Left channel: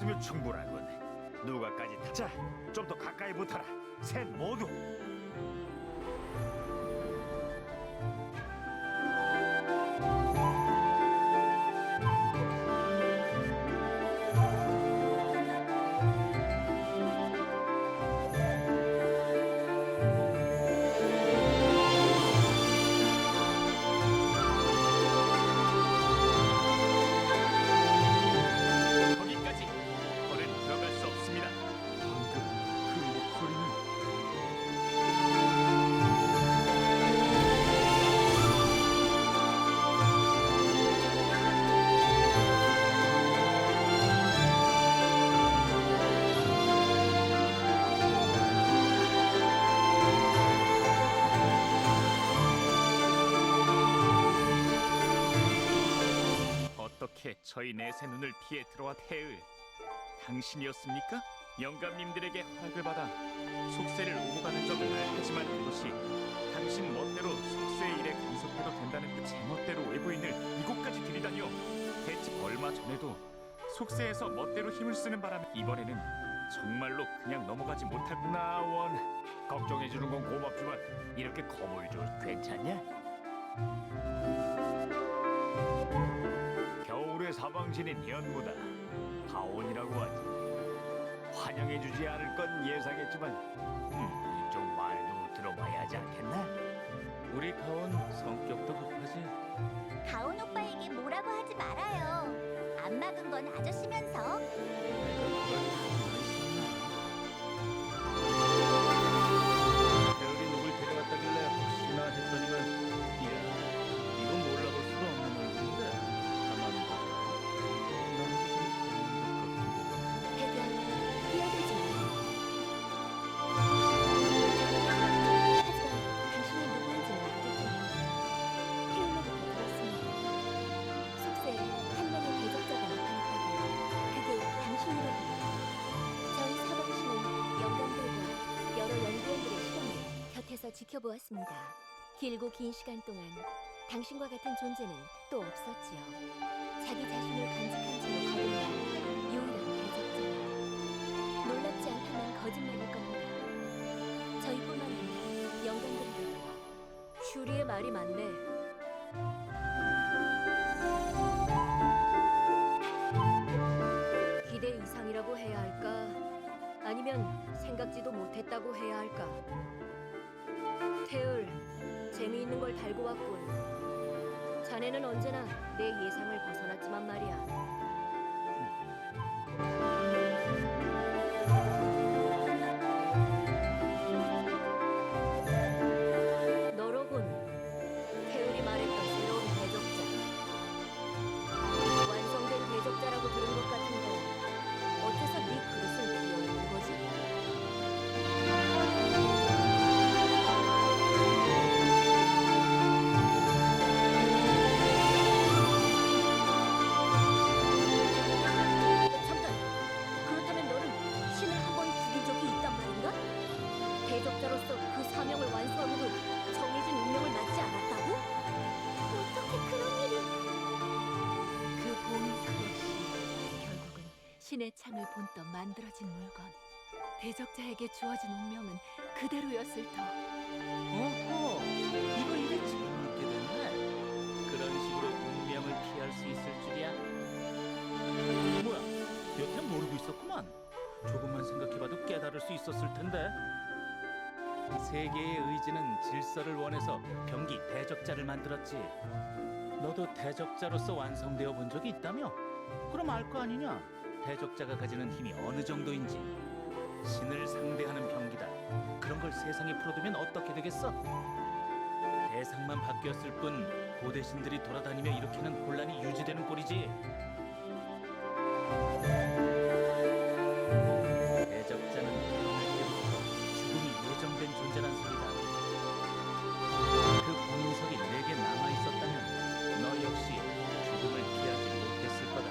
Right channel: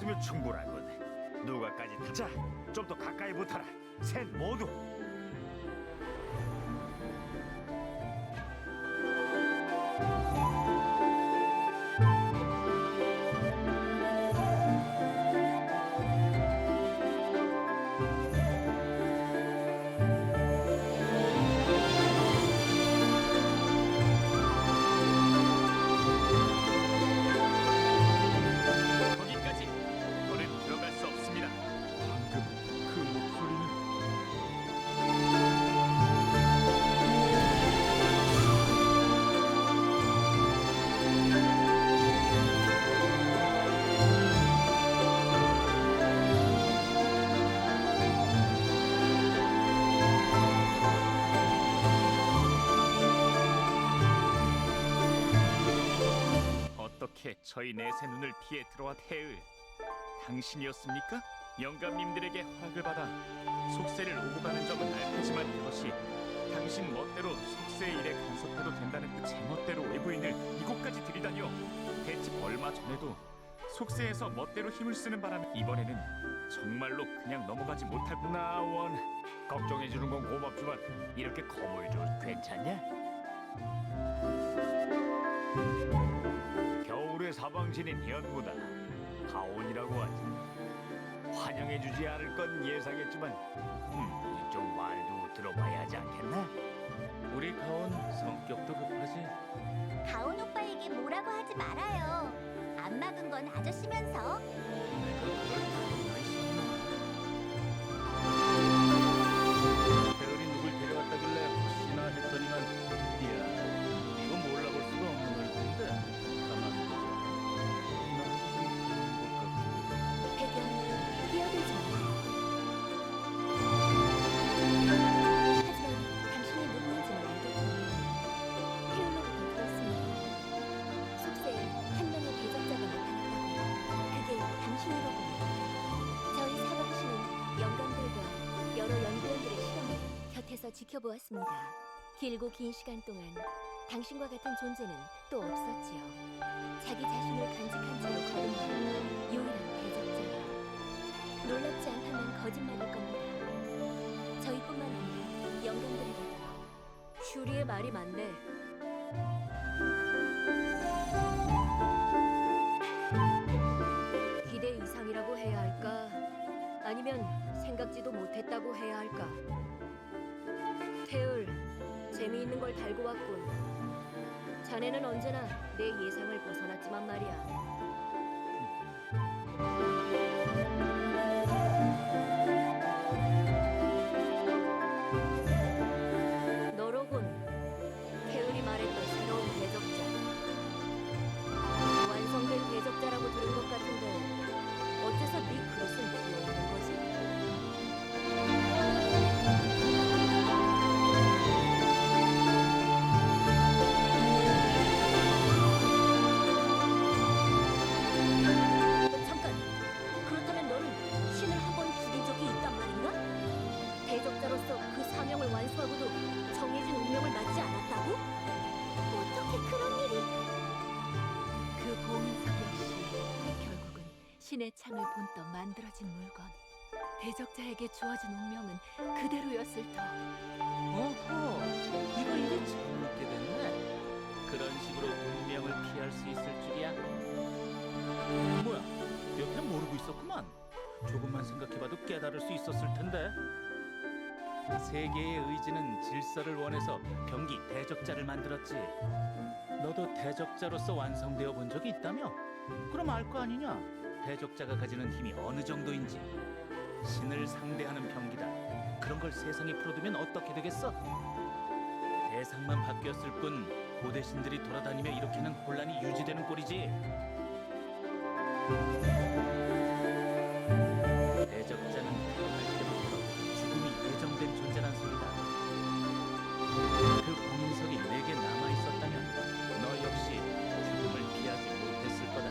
왔으면 충분하군. 누가까지 타자. 좀 더 가까이 붙어라. 셋 모두. 거기까지. 더는 들어갈 수 없습니다. 방금 그 목소리는 어떻게 저희 넷의 눈을 피해 들어와 태을 당신이었습니까? 영감님들에게 허락을 받아 속세를 오고 가는 점은 알겠지만 그것이 당신 멋대로 속세의 일에 간섭해도 된다는 그 제멋대로 외부인을 이곳까지 들이다니요. 대체 얼마 전에도 속세에서 멋대로 힘을 쓰는 바람에 이번에는 정말로 그냥 넘어가지 못할 나원. 걱정해주는 건 고맙지만 이렇게 겁을 줘 괜찮냐? 겨울의 사방신인 현무다. 가온이라고 하지. 환영해주지 않을 건 예상했지만 좀 말도 들어봐야 하지 않겠나? 우리 가온 성격도 급하지. 가온 오빠에게 뭐라고 하지 말아요. 안 막은 건 아저씨면서. 내가 그럴 틈이나 있었나? 태을이 누굴 데려갔다길래 혹시나 했더니만 이야 이건 몰라볼 수가 없는 얼굴인데 가만 보자. 나하고 좀 닮은 것 같기도 하고. 배경, 뛰어들지 마요. 하지만 당신이 누구인지는 알겠군요. 태울로부터 들었습니다. 속세에 한 명의 대적자가 나타났다고요. 그게 당신이로군요. 저희 사방신은 영감들과 여러 연구원들의 실험을 곁에서 지켜보았습니다. 길고 긴 시간 동안 당신과 같은 존재는 또 없었지요. 자기 자신을 간직한 채로 거듭난 유일한 대적자라. 놀랍지 않다면 거짓말일 겁니다. 저희뿐만 아니라 영감들에게도요. 슈리의 말이 맞네. 기대 이상이라고 해야 할까? 아니면 생각지도 못했다고 해야 할까? 태을, 재미있는 걸 달고 왔군. 자네는 언제나 내 예상을 벗어났지만 말이야. 너로군. 태을이 말했던 새로운 대적자. 완성된 대적자라고 들은 것 같은데 어째서 네 그릇은 비어있는 거지? 잠깐! 그렇다면 너는 신을 한 번 죽인 적이 있단 말인가? 대적자로서 그 사명을 완수하고도 정해진 운명을 맞지 않았다고? 어떻게 그런 일이... 그 봉인석 역시 결국은 신의 창을 본떠 만들어진 물건. 대적자에게 주어진 운명은 그대로였을 터. 오호, 이거 일이 재밌게 됐네. 그런 식으로 운명을 피할 수 있을 줄이야. 뭐야, 여태 모르고 있었구만. 조금만 생각해봐도 깨달을 수 있었을 텐데. 세계의 의지는 질서를 원해서 병기 대적자를 만들었지. 너도 대적자로서 완성되어 본 적이 있다며? 그럼 알 거 아니냐? 대적자가 가지는 힘이 어느 정도인지. 신을 상대하는 병기다. 그런 걸 세상에 풀어두면 어떻게 되겠어? 대상만 바뀌었을 뿐 고대 신들이 돌아다니며 일으키는 혼란이 유지되는 꼴이지. 대적자는 태어날 때부터 죽음이 예정된 존재란 소리다. 그 봉인석이 내게 남아있었다면 너 역시 죽음을 피하지 못했을 거다.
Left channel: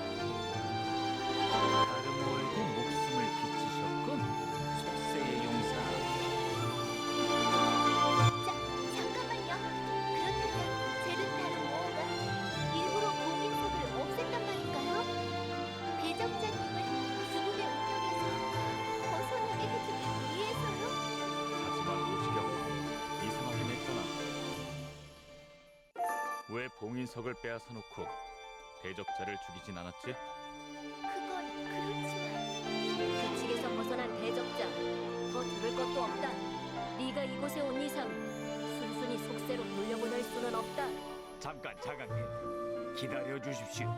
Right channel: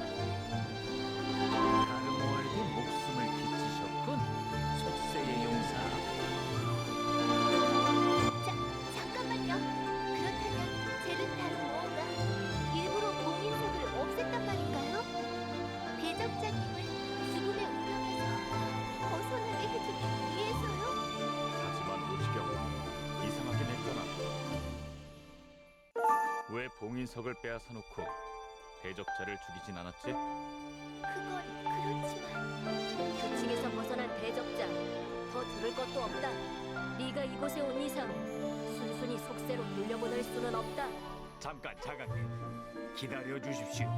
가르모에게 목숨을 비치셨군. 속세의 용사. 잠깐만요. 그렇다면 제르타르모어가 일부러 봉인석을 없앴단 말인가요? 대적자님을 죽음의 봉인석을 빼앗아 놓고 대적자를 죽이진 않았지? 그건 그렇지만 규칙에서 벗어난 대적자 더 들을 것도 없다. 네가 이곳에 온 이상 순순히 속세로 돌려보낼 수는 없다. 잠깐 자강님 기다려 주십시오.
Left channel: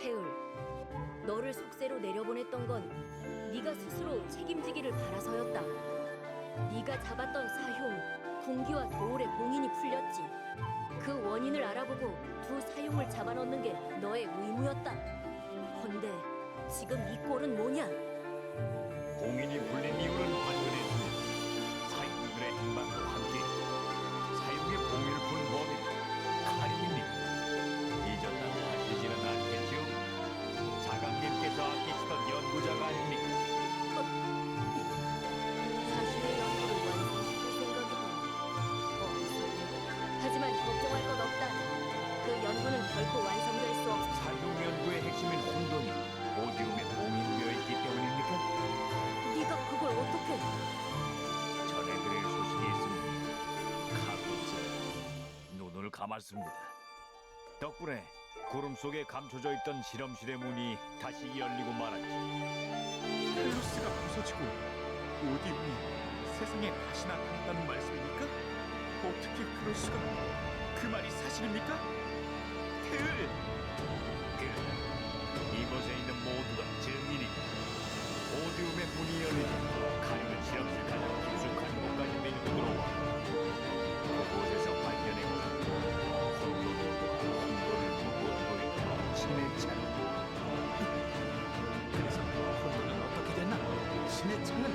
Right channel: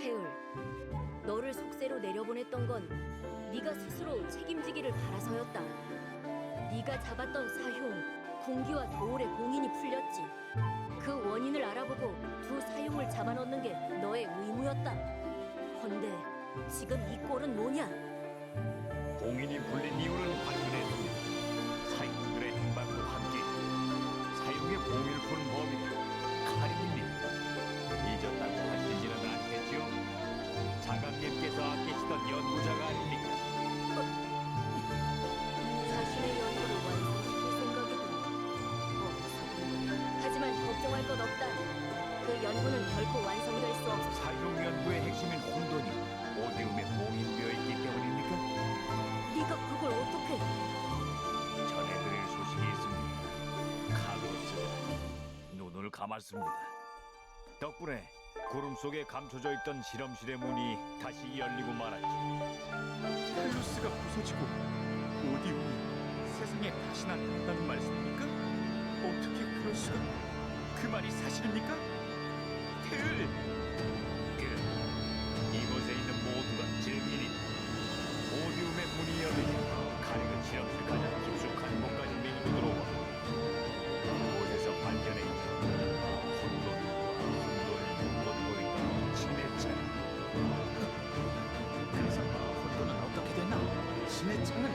태을, 너를 속세로 내려보냈던 건 네가 스스로 책임지기를 바라서였다. 네가 잡았던 사흉, 군기와 도울의 봉인이 풀렸지. 그 원인을 알아보고 두 사흉을 잡아넣는 게 너의 의무였다. 헌데 지금 이 꼴은 뭐냐? 봉인이 풀린 이유는 발견했습니다. 사형들의 행방도 함께 사형의 봉인을 푸는 범인은 카린입니다. 잊었다고 하시지는 않겠지요? 자강님께서 아끼시던 연구자가 아닙니까? 자신의 연구를 완성시킬 생각이군. 어리석은. 하지만 걱정할 것 없다. 그 연구는 결코 완성될 수 없어. 사형 연구의 핵심인 혼돈이 오디움에 봉인되어 있기 때문입니까? 네가 그걸 어떻게? 전해드릴 소식이 있습니다. 카로스가 눈을 감았습니다. 덕분에 구름 속에 감춰져 있던 실험실의 문이 다시 열리고 말았지. 텔루스가 부서지고 오디움이 세상에 다시 나타났다는 말씀입니까? 어떻게 그럴 수가? 그 말이 사실입니까? 테을! 그래, 이곳에 있는 모두가 증인이다. 오디움의 문이 열리자 카링은 실험실 가장 깊숙한 곳까지 밀고 들어와 그곳에서 발견했지. 혼돈과 혼돈을 묶어두고 있던 신의 창. 그래서 혼돈은 어떻게 됐나? 신의 창은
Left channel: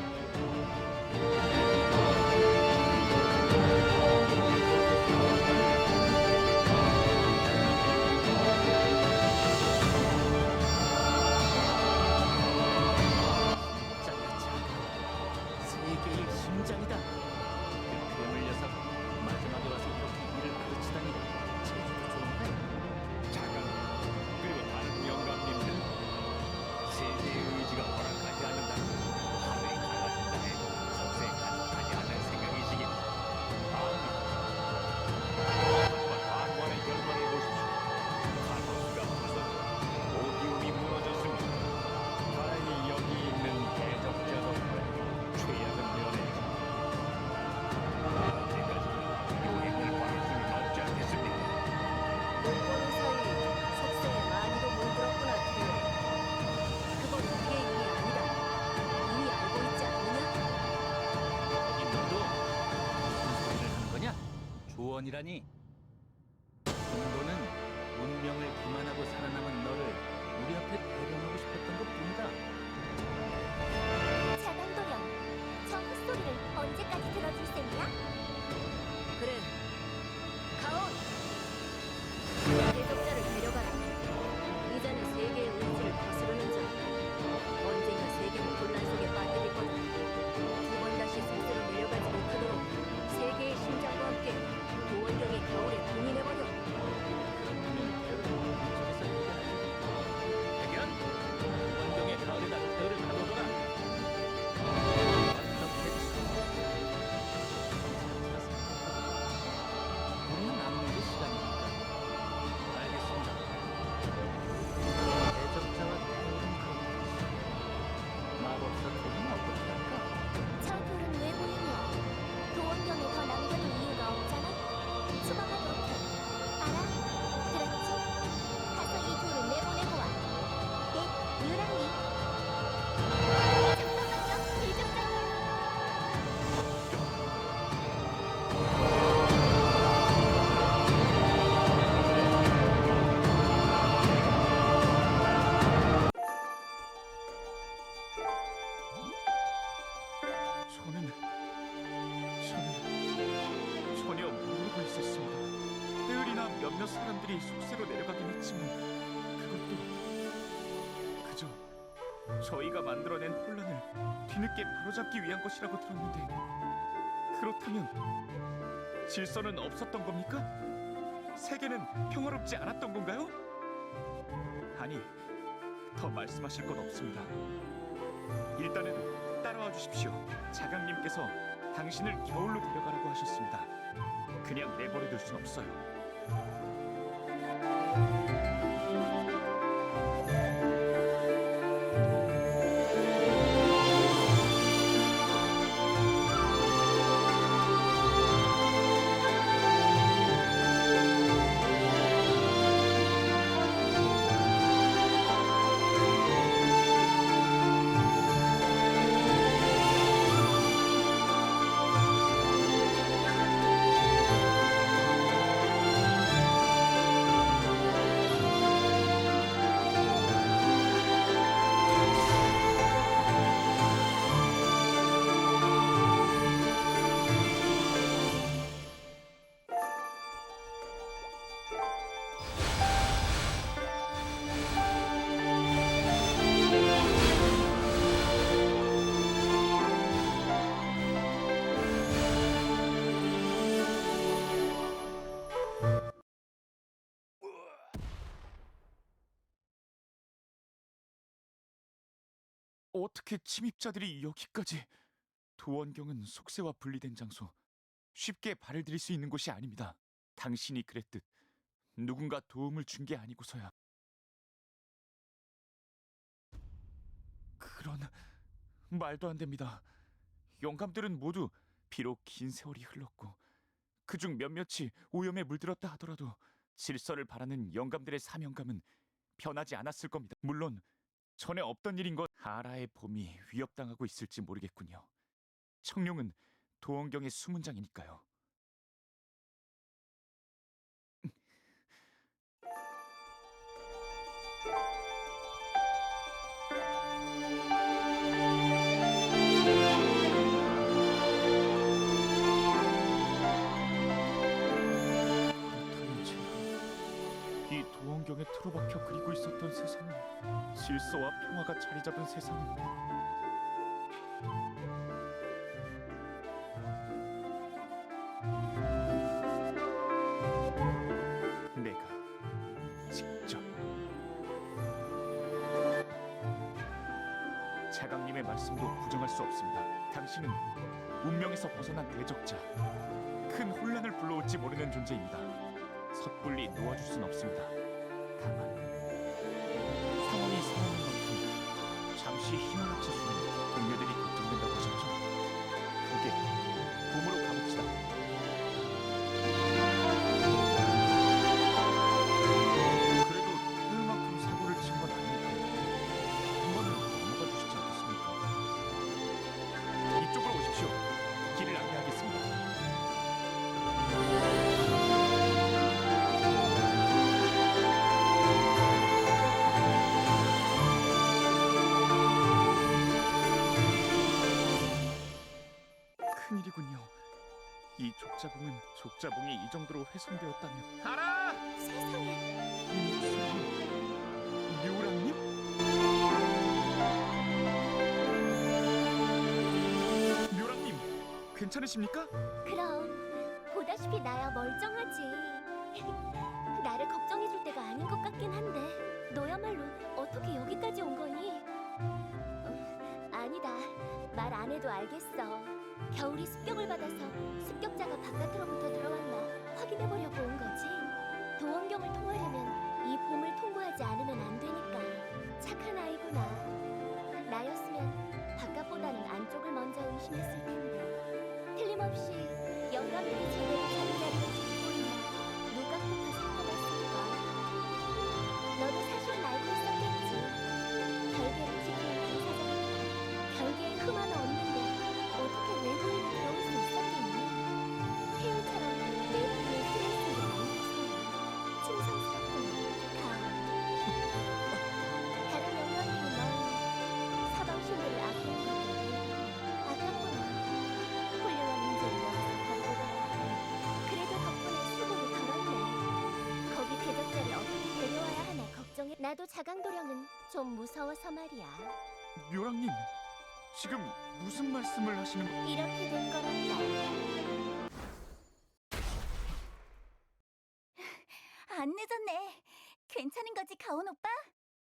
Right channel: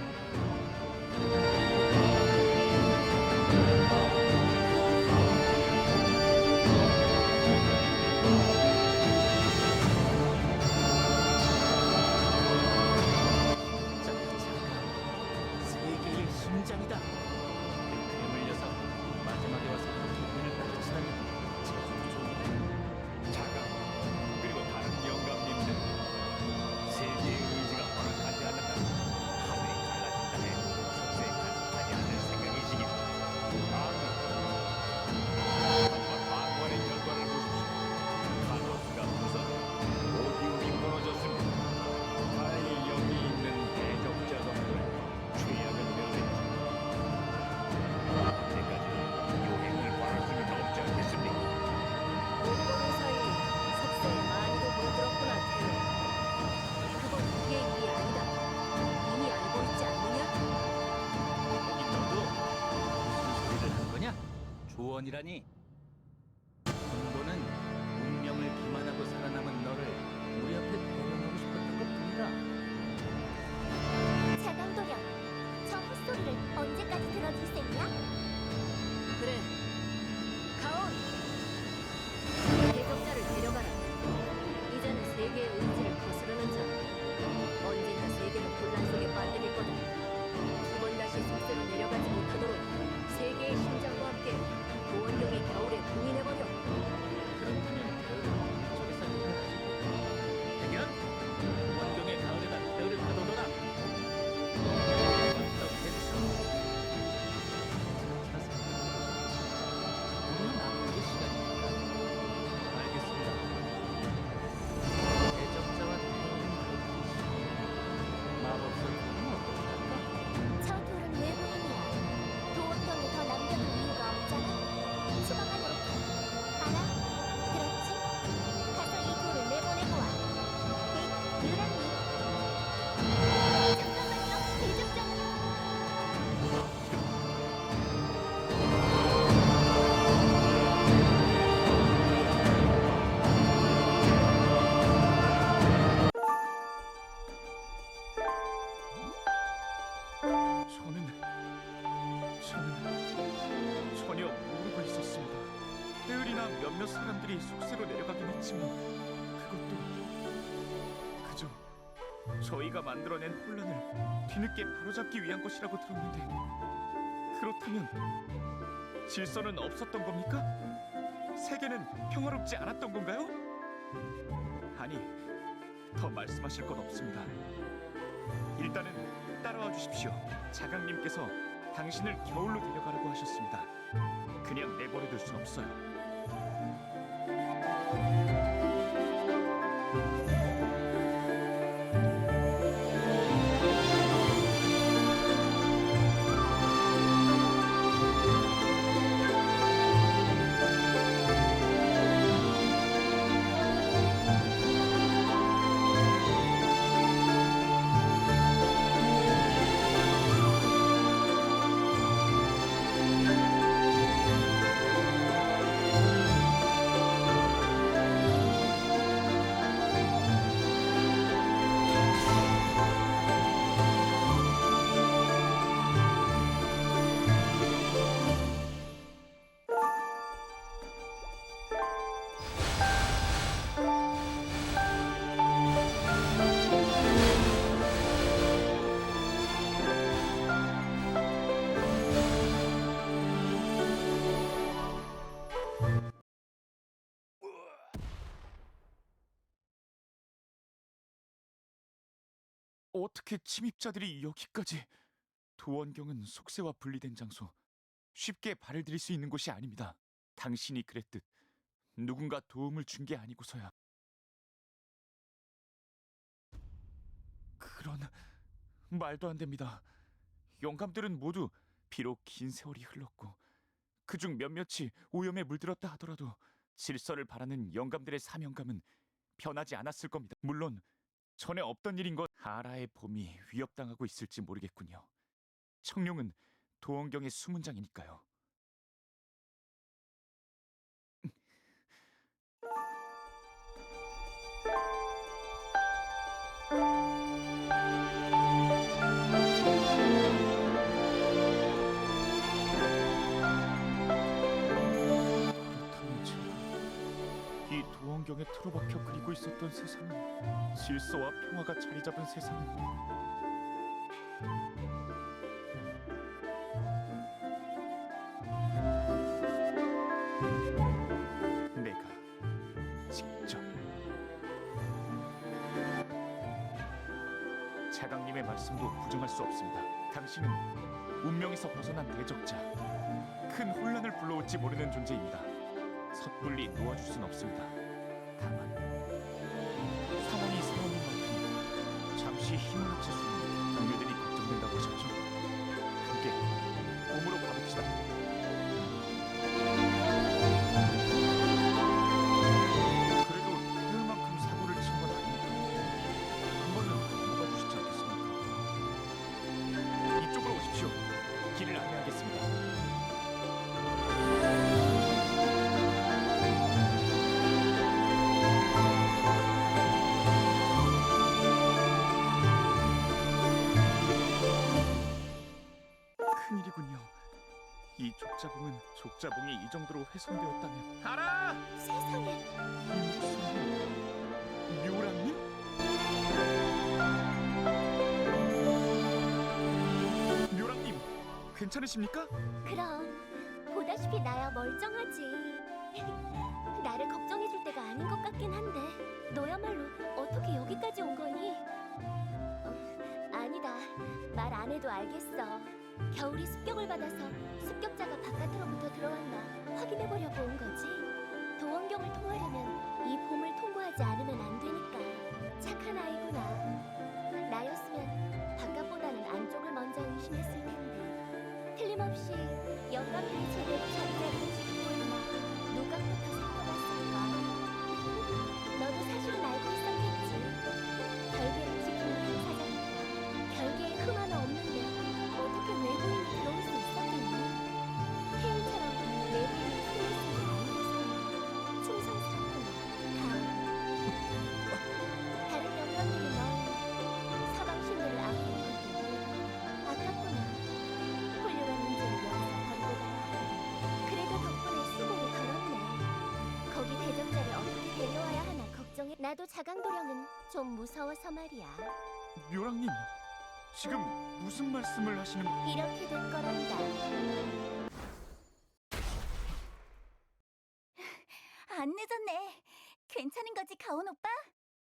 진짜 자강 세계의 심장이다. 그 괴물 녀석 마지막에 와서 이렇게 일을 그르치다니 제주도 좋은데? 자강 그리고 다른 영감님들 세계의 의지가 허락하지 않는다면 하늘이 갈라진다 해도 속세에 간섭하지 않을 생각이시겠죠. 아멘. 하지만 방관의 결과를 보십시오. 카로스가 부서지고 오디움이 무너졌습니다. 다행히 여기 있는 대적자 덕분에 최악은 면했죠. 언제까지 요행을 바랄 수는 없지 않겠습니까? 못 보는 사이 속세에 많이도 물들었구나, 태우. 그건 우리의 일이 아니다. 이미 알고 있지 않느냐? 거긴 너도 무슨 소리를 하는 거냐? 조언이라니. 혼돈은 운명을 기만하고 살아남은 너를 우리 앞에 대령하고 싶었던 것뿐이다. 자강도령, 저 헛소리를 언제까지 들어줄 셈이야? 그래, 가온! 대적자를 데려가라. 이제는 세계의 의지를 거스르는 자, 언젠가 세계를 혼란 속에 빠뜨릴 거다. 두 번 다시 속세로 내려가지 못하도록 세계의 심장과 함께 도원경의 겨울에 봉인해버려. 그렇다면 태을은 우리 쪽에서 해결하지. 해견! 원경의 가을에다 태을을 가둬둬라. 어떻게 차차 생각해보자. 우리는 남는 게 시간이니까. 알겠습니다. 대적자와 태을은 그렇듯이 마법사 둘은 어떻게 할까? 저 둘은 외부인이야. 도원경에 더 남겨둘 이유가 없잖아. 추방하도록 해. 알아? 들었지? 가서 이 둘을 내보내고 와. 네, 유랑님. 잠깐만요, 대적자님. 저는 전혀 모르고 있었습니다. 테을이나 몇몇 사람들이 속세로 내려가긴 했지만 그것도 그저 저희가 만들어낸 혼란을 뒤늦게 바로잡기 위한 것이라고 들었는데 그렇다면 질서는 없었던 겁니까? 세계는 평화롭지 않았던 건가요? 아니, 더 말씀하실 건 없습니다. 일단은 따라와 주십시오. 자강님께서 당신을 겨울로 데려가라고 하셨습니다. 그냥 내버려둘 순 없어요. 어떻게 침입자들이 여기까지? 도원경은 속세와 분리된 장소, 쉽게 발을 들일 수 있는 곳이 아닙니다. 당신이 그랬듯 누군가 도움을 준 게 아니고서야. 그런 말도 안 됩니다. 영감들은 모두 비록 긴 세월이 흘렀고 그중 몇몇이 오염에 물들었다 하더라도 질서를 바라는 영감들의 사명감은 변하지 않았을 겁니다. 물론 전에 없던 일인 것. 하라의 봄이 위협당하고 있을지 모르겠군요. 청룡은 도원경의 수문장이니까요. 그렇다면 제가 이 도원경에 틀어박혀 그리고 있었던 세상은, 질서와 평화가 자리 잡은 세상은 내가 직접 자강님의 말씀도 부정할 수 없습니다. 당신은 운명에서 벗어난 대적자, 큰 혼란을 불러올지 모르는 존재입니다. 섣불리 놓아줄 순 없습니다. 다만 상황이 상황인 만큼 잠시 힘을 합칠 수 있는 동료들이 걱정된다고 하셨죠? 그게 봄으로 가봅시다. 그래도 태울만큼 사고를 친 건 아니니까 한 번은 넘어가 주시지 않겠습니까? 이쪽으로 오십시오. 길을 안내하겠습니다. 큰일이군요. 이 족자봉이 이 정도로 훼손되었다면. 알아! 세상에. 이 목소리, 묘랑님? 묘랑님, 괜찮으십니까? 그럼 보다시피 나야 멀쩡하지. 나를 걱정해줄 때가 아닌 것 같긴 한데 너야말로 어떻게 여기까지 온 거니? 아니다. 말 안 해도 알겠어. 겨울이 습격을 받아서 습격자가 바깥으로부터 들어왔나 확인해보려고 온 거지. 도원경을 통하려면 이 봄을 통과하지 않으면 안 되니까. 착한 아이구나. 나였으면 바깥보다는 안쪽을 먼저 의심했을 텐데. 틀림없이 영감들이 제대로 자기 자리를 지키고 있나 누각부터 살펴봤을까. 너도 사실은 알고 있었겠지. 결계를 지키는 당사자니까. 결계에 흠 하나 없는데 어떻게 외부인이 들어올 수 있었겠니? 태율처럼 내부인을 신경 쓴 게 아니어서야. 충성스럽구나, 가을. 다른 영감들이 널 사방신들을 아끼는 것도 이해하고 아깝구나. 훌륭한 인재를 여기서 버리고 가야 해. 그래도 덕분에 수고를 덜었네. 거기 대적자를 어떻게 데려와야 하나 걱정해. 나도 자강도령은 좀 무서워서 말이야. 묘랑님, 지금 무슨 말씀을 하시는 거? 이렇게 된 거란다. 안 늦었네. 괜찮은 거지, 가온 오빠?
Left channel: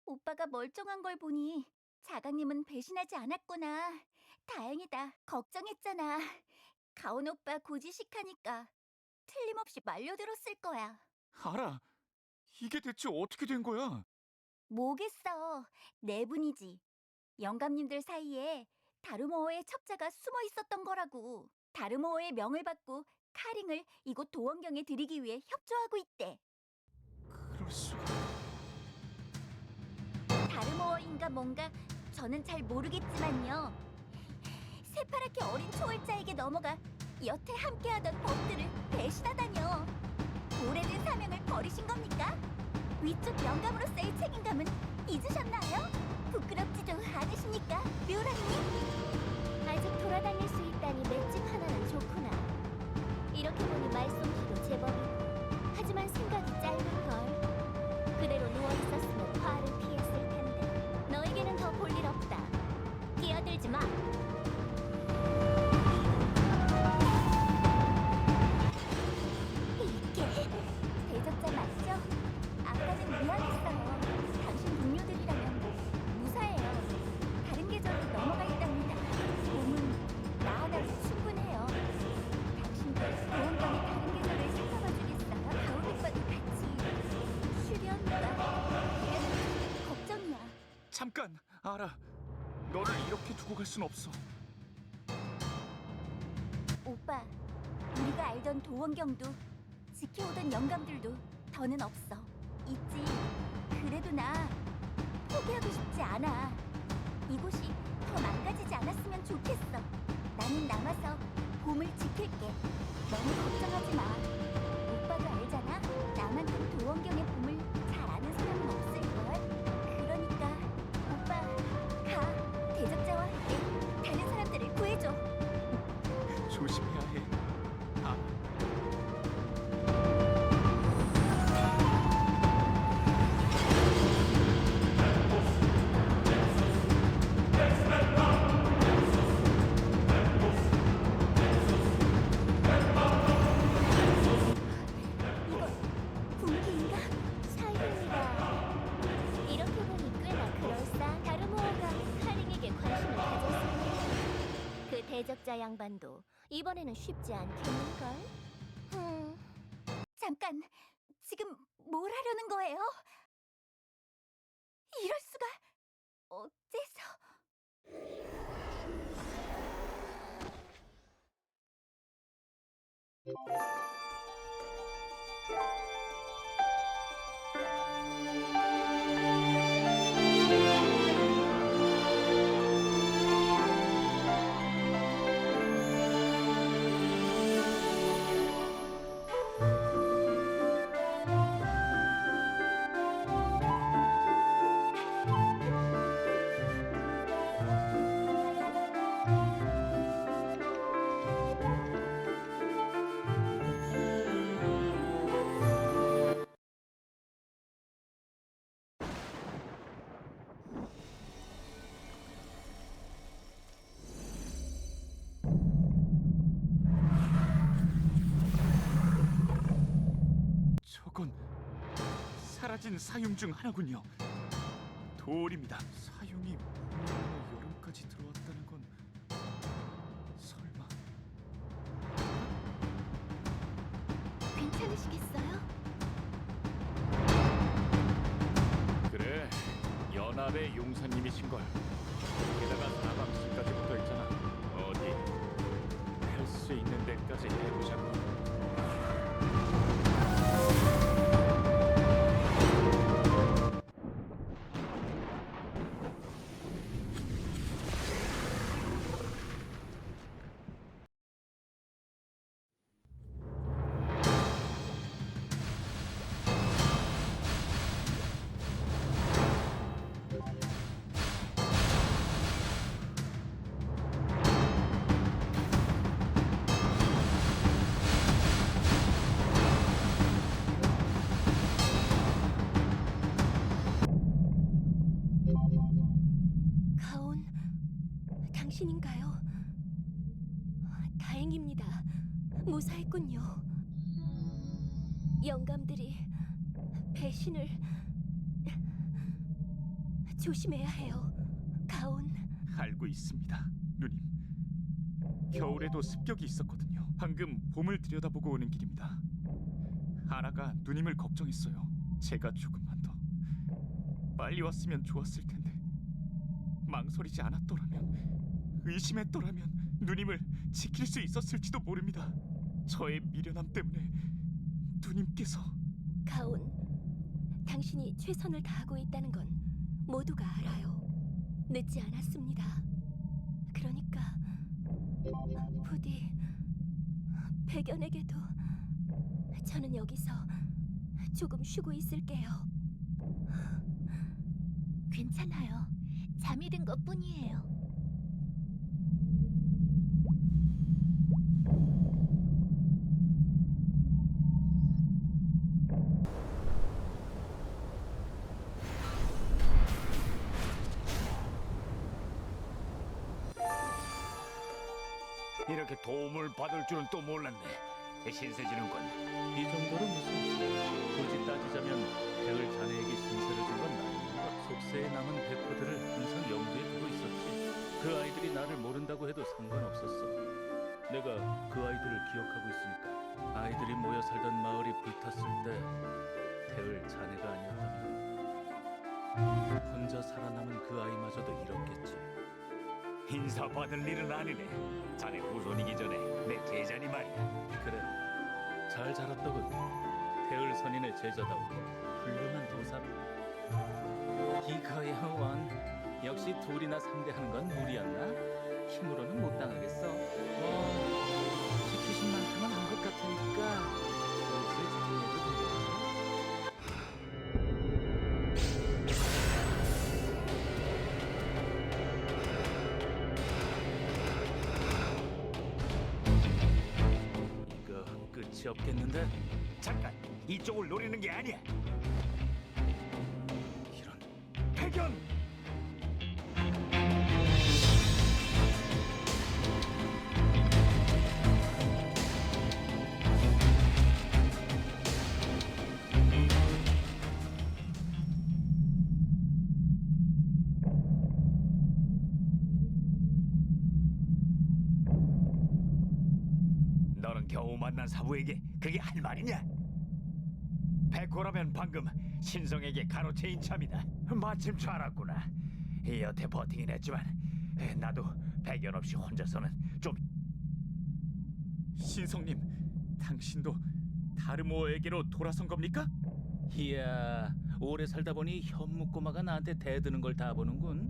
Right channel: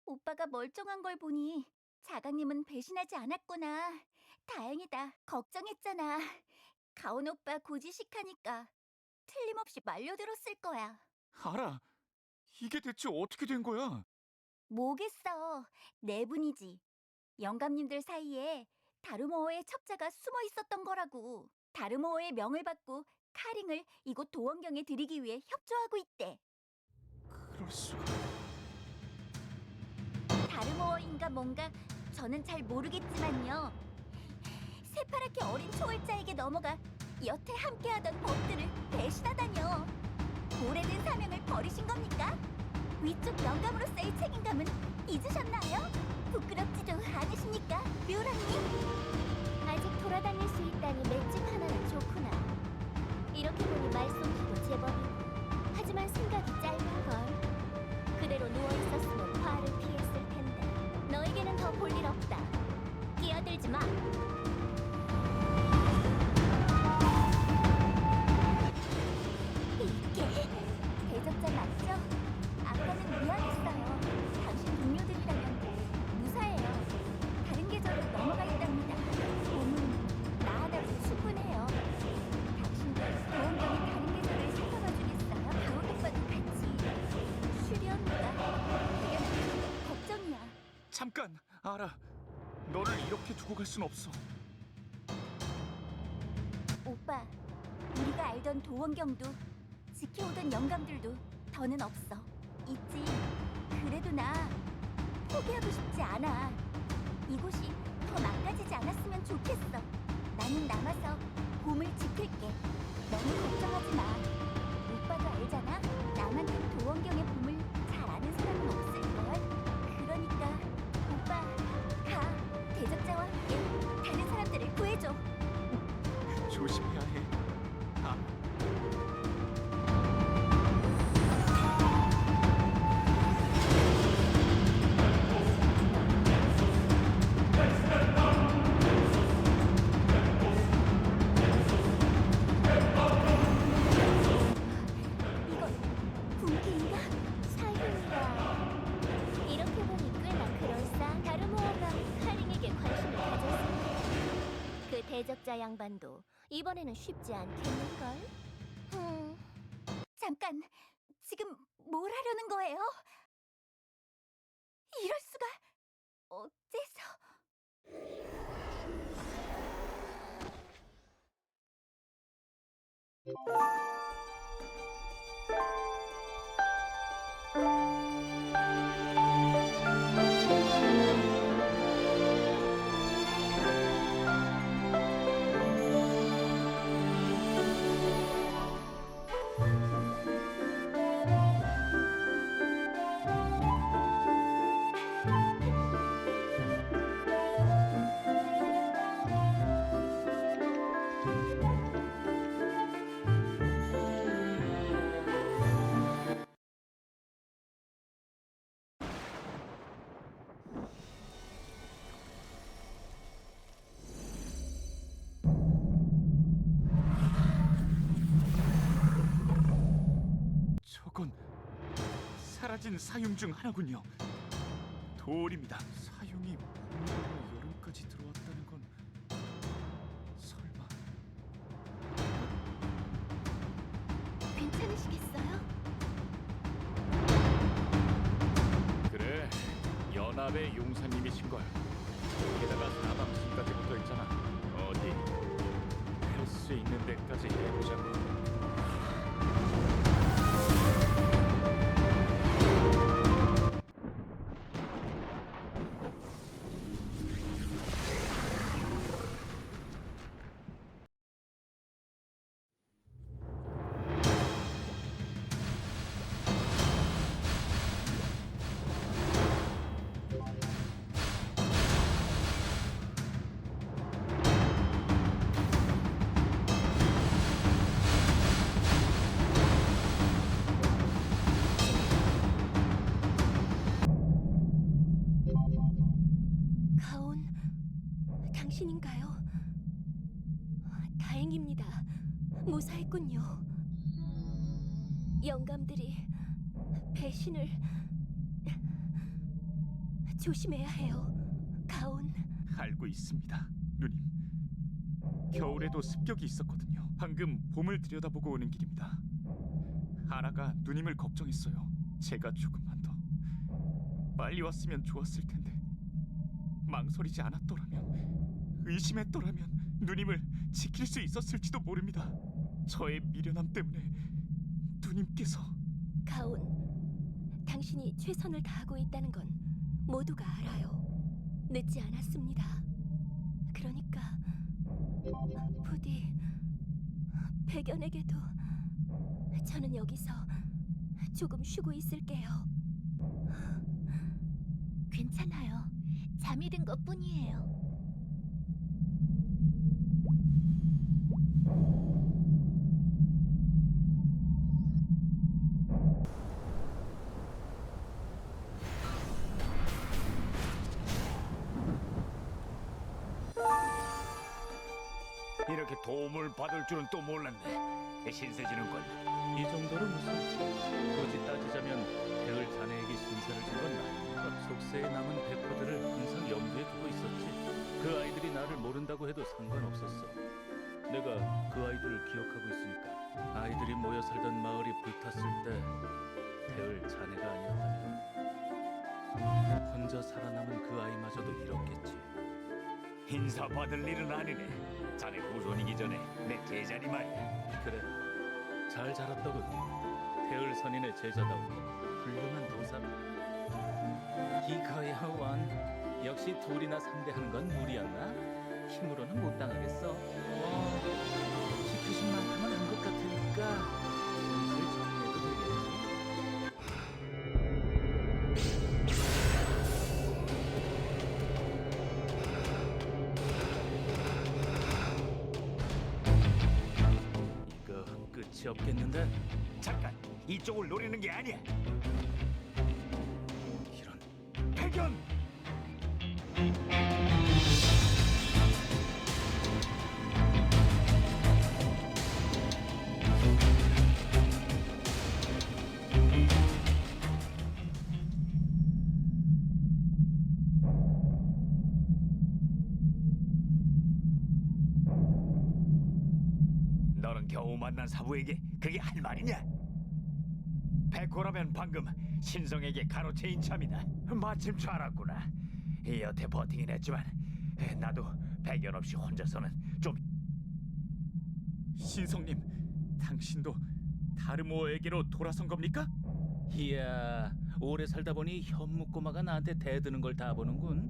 오빠가 멀쩡한 걸 보니 자강님은 배신하지 않았구나. 다행이다. 걱정했잖아. 가온 오빠 고지식하니까 틀림없이 말려들었을 거야. 알아. 이게 대체 어떻게 된 거야? 뭐겠어. 내분이지. 영감님들 사이에 다르모어의 첩자가 숨어 있었던 거라고. 다르모어의 명을 받고 카링을 이곳 도원경에 들이기 위해 협조하고 있대. 그럴 수가. 다르모어인가 뭔가 저는 잘 모르겠지만요. 새파랗게 어린 초월자에게 넘어가 여태 함께하던 법들을 배신하다뇨. 오래된 사명을 버리신 겁니까? 위쪽 영감으로서의 책임감은 잊으셨나요? 부끄럽지도 않으십니까, 묘랑님? 아직 돌아다닐 수 있다니 맷집 하나는 좋구나. 이렇게 보니 말솜씨도 제법이고, 하지만 생각이 짧은걸. 그대로 누워있었으면 화를 피했을 텐데 너에게는 더 볼 일 없다. 끼어들지 마. 이게 대적자 맞죠? 아까는 미안했어요. 당신 동료들이라면 무사해요. 다른 계절로 넘어가 있답니다. 몸은 나 하나로 충분해요. 당신도 도원경의 다른 계절을 살펴봐 주겠어요? 가온 오빠도 같이. 슈리 언니가 대견한 게 걱정이야. 잠깐, 알아. 너를 이렇게 두고 갈 순 없어. 오빠, 우리가 알던 도원경도 지켜오던 영감들도 더는 없어. 있지. 그래도 나 포기하고 싶지 않아. 이곳이 더 망가지지 않았으면 좋겠어. 나는 남아서 봄을 지킬게. 너무 걱정하지 마. 오빠도 알잖아. 나만큼 도원경의 봄을 잘 아는 사람은 없을걸. 그러니까 오빠 가. 대적자와 함께 다른 사람들을 구해줘. 조심해야 해. 알아. 이건 분기인가? 사윤이라. 이렇게 보니 꽤나 그럴싸. 다르모어가 카링에게 관심을 가졌을 거야. 그 대적자 양반도 이번에는 쉽지 않겠는걸? 잠깐, 지금 뭘 하려는 거예요? 이럴 수가. 어째서? 저건 사라진 사용 중 하나군요. 돌입니다. 사용이 봄이나 여름까지 들어왔다는 건 설마. 괜찮으시겠어요? 그래, 연합의 용사님이신걸. 게다가 사방신까지 붙어있잖아. 어디 할 수 있는 데까지 해보자고. 가온, 당신인가요? 다행입니다. 무사했군요. 영감들이 배신을 조심해야 해요. 가온, 알고 있습니다, 누님. 겨울에도 습격이 있었거든요. 방금 봄을 들여다보고 오는 길입니다. 아나가 누님을 걱정했어요. 제가 조금만 더 빨리 왔으면 좋았을 텐데 망설이지 않았더라면, 의심했더라면 누님을 지킬 수 있었을지도 모릅니다. 저의 미련함 때문에 누님께서. 가온, 당신이 최선을 다하고 있다는 건 모두가 알아요. 늦지 않았습니다. 그러니까 부디 백연에게도. 저는 여기서 조금 쉬고 있을게요. 괜찮아요. 잠이 든 것뿐이에요. 이렇게 도움을 받을 줄은 또 몰랐네. 신세지는군. 이 정도로 무슨 굳이 따지자면 태을 자네에게 신세를 준 건 나입니다. 속세에 남은 백호들을 항상 염두에 두고 있었지. 그 아이들이 나를 모른다고 해도 상관없었어. 내가 그 아이들을 기억하고 있으니까. 아이들이 모여 살던 마을이 불탔을 때 태을 자네가 아니었다면 혼자 살아남은 그 아이마저도 잃었겠지. 인사 받을 일은 아니네. 자네 후손이기 전에 내 제자니 말이야. 그래, 잘 자랐더군. 태을 선인의 제자다운 훌륭한 도사로. 이거야 원. 역시 둘이나 상대하는 건 무리였나? 힘으로는 못 당하겠어. 시키신 만큼은 한 것 같으니까 슬슬 정리해도 되겠지? 이거 끝이 없겠는데? 잠깐, 이쪽을 노리는 게 아니야. 이런. 백연! 너는 겨우 만난 사부에게 그게 할 말이냐? 백호라면 방금 신성에게 가로채인 참이다. 마침 잘 알았구나. 여태 버티긴 했지만 나도 백연 없이 혼자서는 좀. 신성님, 당신도 다르모에게로 돌아선 겁니까? 이야, 오래 살다 보니 현묵고마가 나한테 대드는 걸 다 보는군.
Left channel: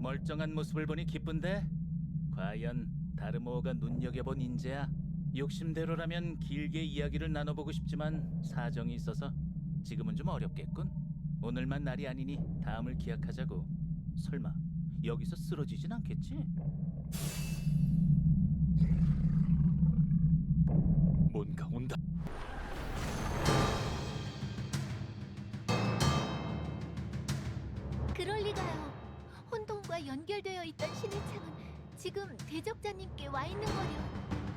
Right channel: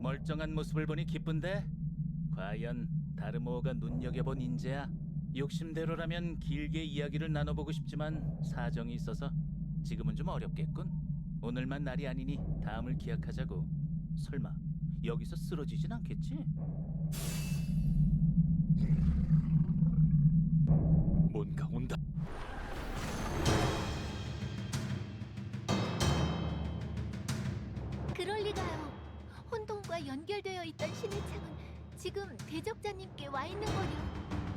멀쩡한 모습을 보니 기쁜데? 과연 다르모가 눈여겨본 인재야? 욕심대로라면 길게 이야기를 나눠보고 싶지만 사정이 있어서 지금은 좀 어렵겠군. 오늘만 날이 아니니 다음을 기약하자고. 설마 여기서 쓰러지진 않겠지? 뭔가 온다. 그럴 리가요. 혼돈과 연결되어 있던 신의 창은 지금 대적자님께 와 있는 거려.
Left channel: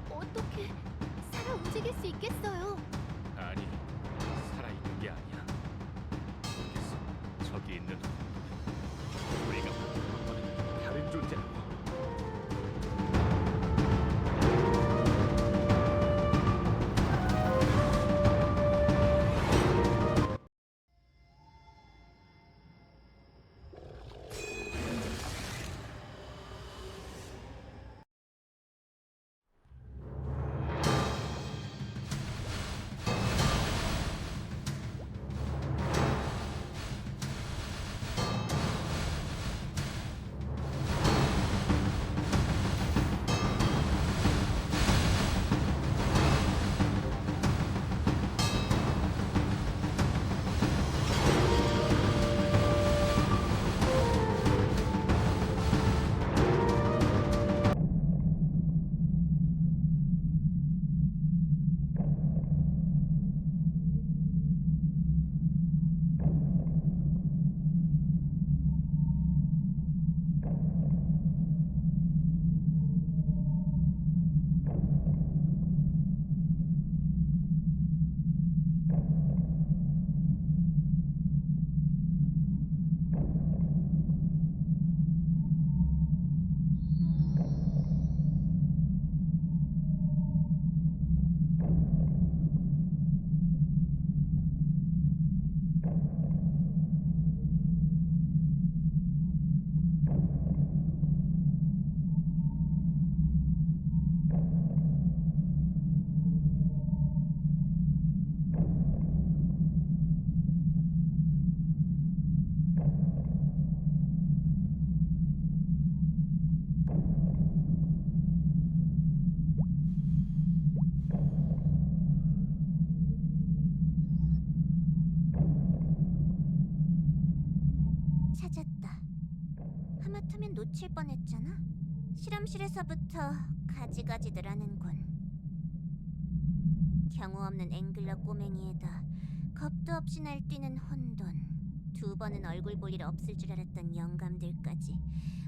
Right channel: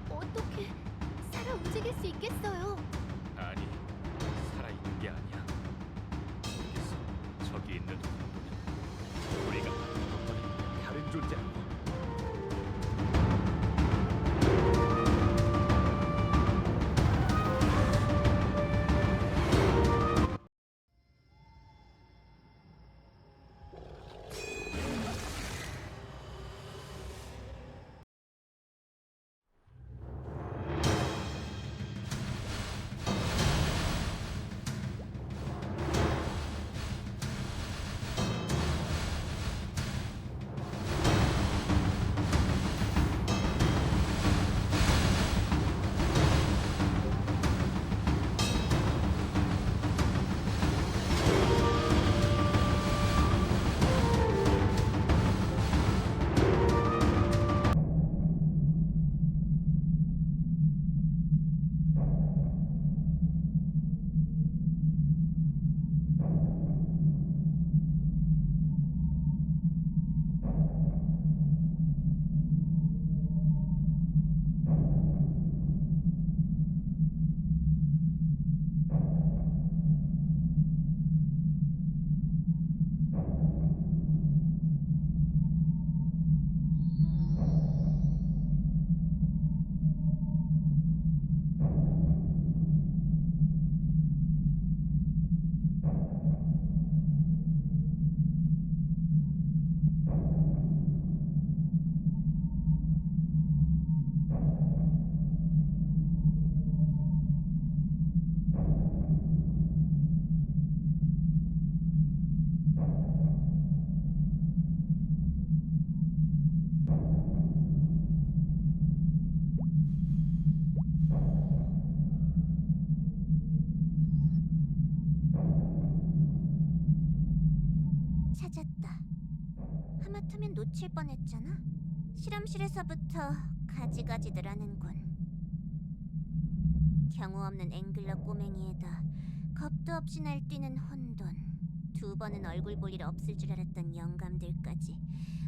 어떻게 살아 움직일 수 있겠어요? 아니, 살아있는 게 아니야. 모르겠어. 저기 있는 혼돈은 우리가 만든 것과는 다른 존재라고. 찾았다. 하마터면 놓칠 뻔했잖아. 실험실에서부터 가지가지들 하는군. 경우 없는 앵글러 꼬맹이에다 겁도 없이 날뛰는 혼돈. 2번은 얼굴 볼 일 없을 줄 알았던 영감들까지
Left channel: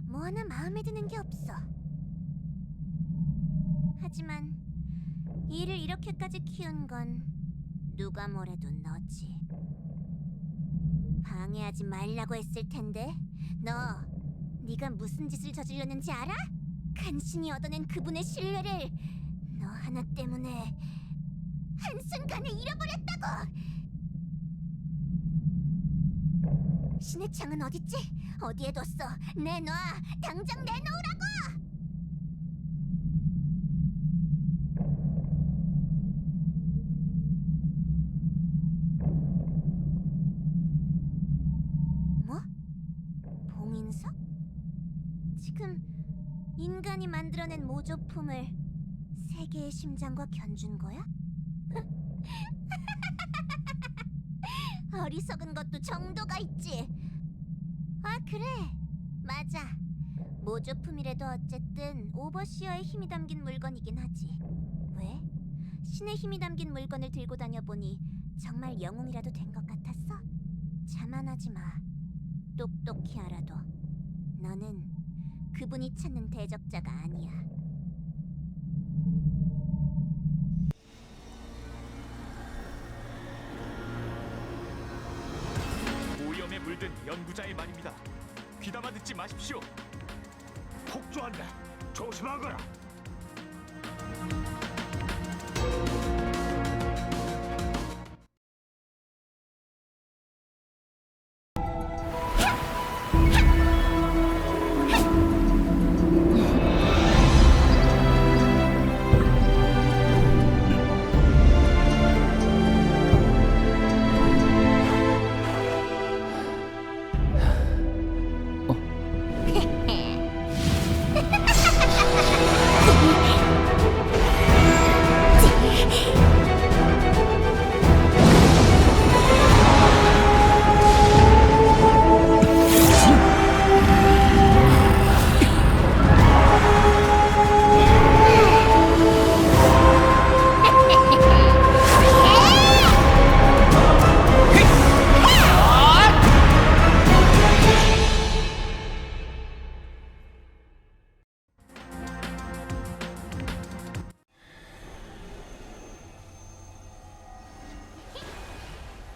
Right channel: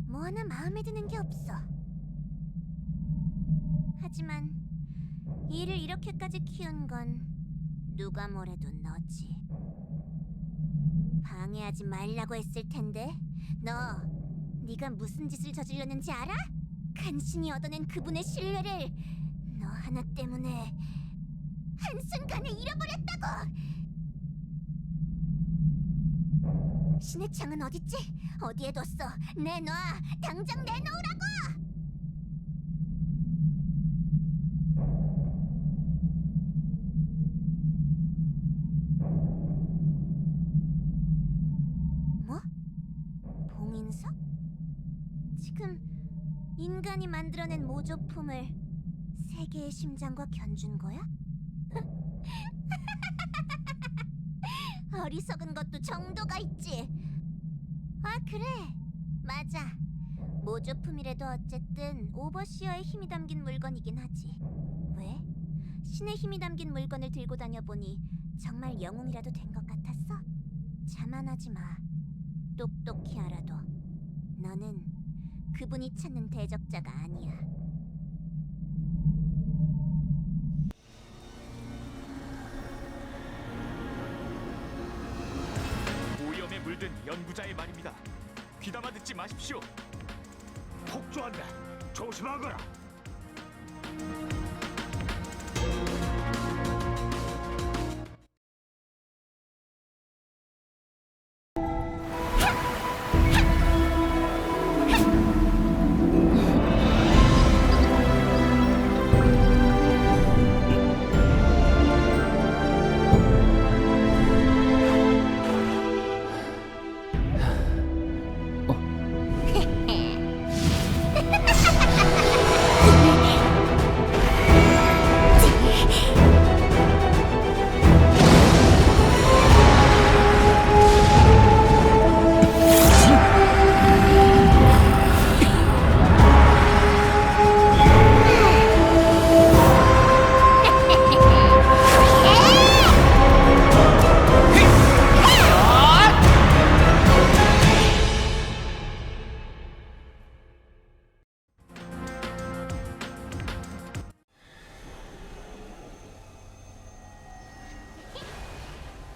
뭐 하나 마음에 드는 게 없어. 하지만 일을 이렇게까지 키운 건 누가 뭐래도 너지. 방해하지 말라고 했을 텐데. 네가 무슨 짓을 저질렀는지 알아? 간신히 얻어낸 그분의 신뢰를 너 하나 때문에 한순간에 잃어버렸다고! 신의 창은 어딨지? 어디에 뒀어? 내놔! 당장 내놓으라고! 뭐? 봉인석? 지금 인간이 만들어낸 모조품을 세계의 심장과 견준 거야? 어리석은 것도 정도가 있지. 아, 그래. 맞아. 모조품이라도 어쨌든 오버시어의 힘이 담긴 물건이긴 하지. 왜? 신의 힘이 담긴 물건을 들고 다녀보니 정말 영웅이라도 된 것 같았어? 자만하지 마. 똑똑히 알아둬. 너는 그분이 찾는 대적자가 아니야. 오염에 물든 연구자의 말입니다. 귀담아 듣지 마십시오. 폭주한다. 조심하거라.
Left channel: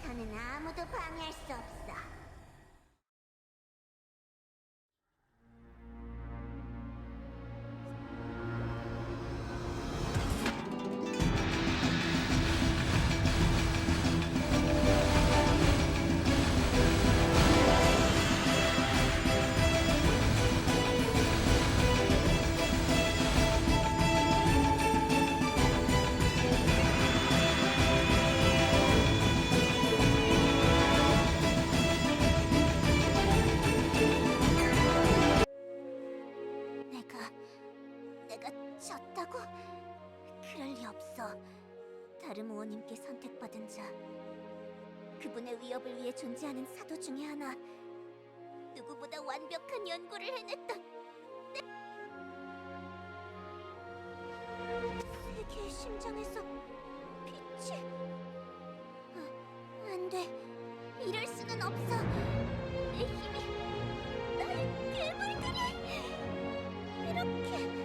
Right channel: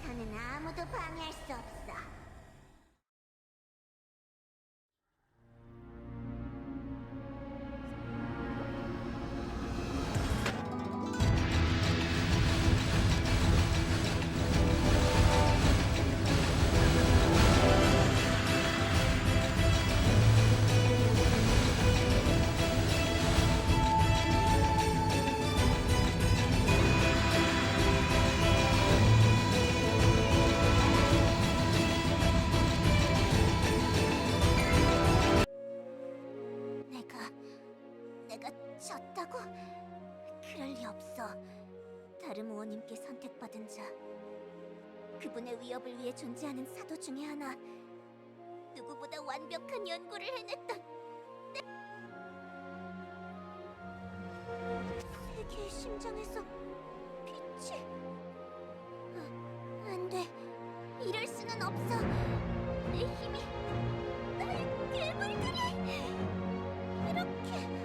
너는 아무도 방해할 수 없어. 내가 졌다고? 그럴 리 없어. 다른 의원님께 선택받은 자, 그분의 위협을 위해 존재하는 사도 중에 하나, 누구보다 완벽한 연구를 해냈던 세계의 심장에서 빛이... 안 돼. 이럴 수는 없어. 내 힘이 나의 괴물들이 이렇게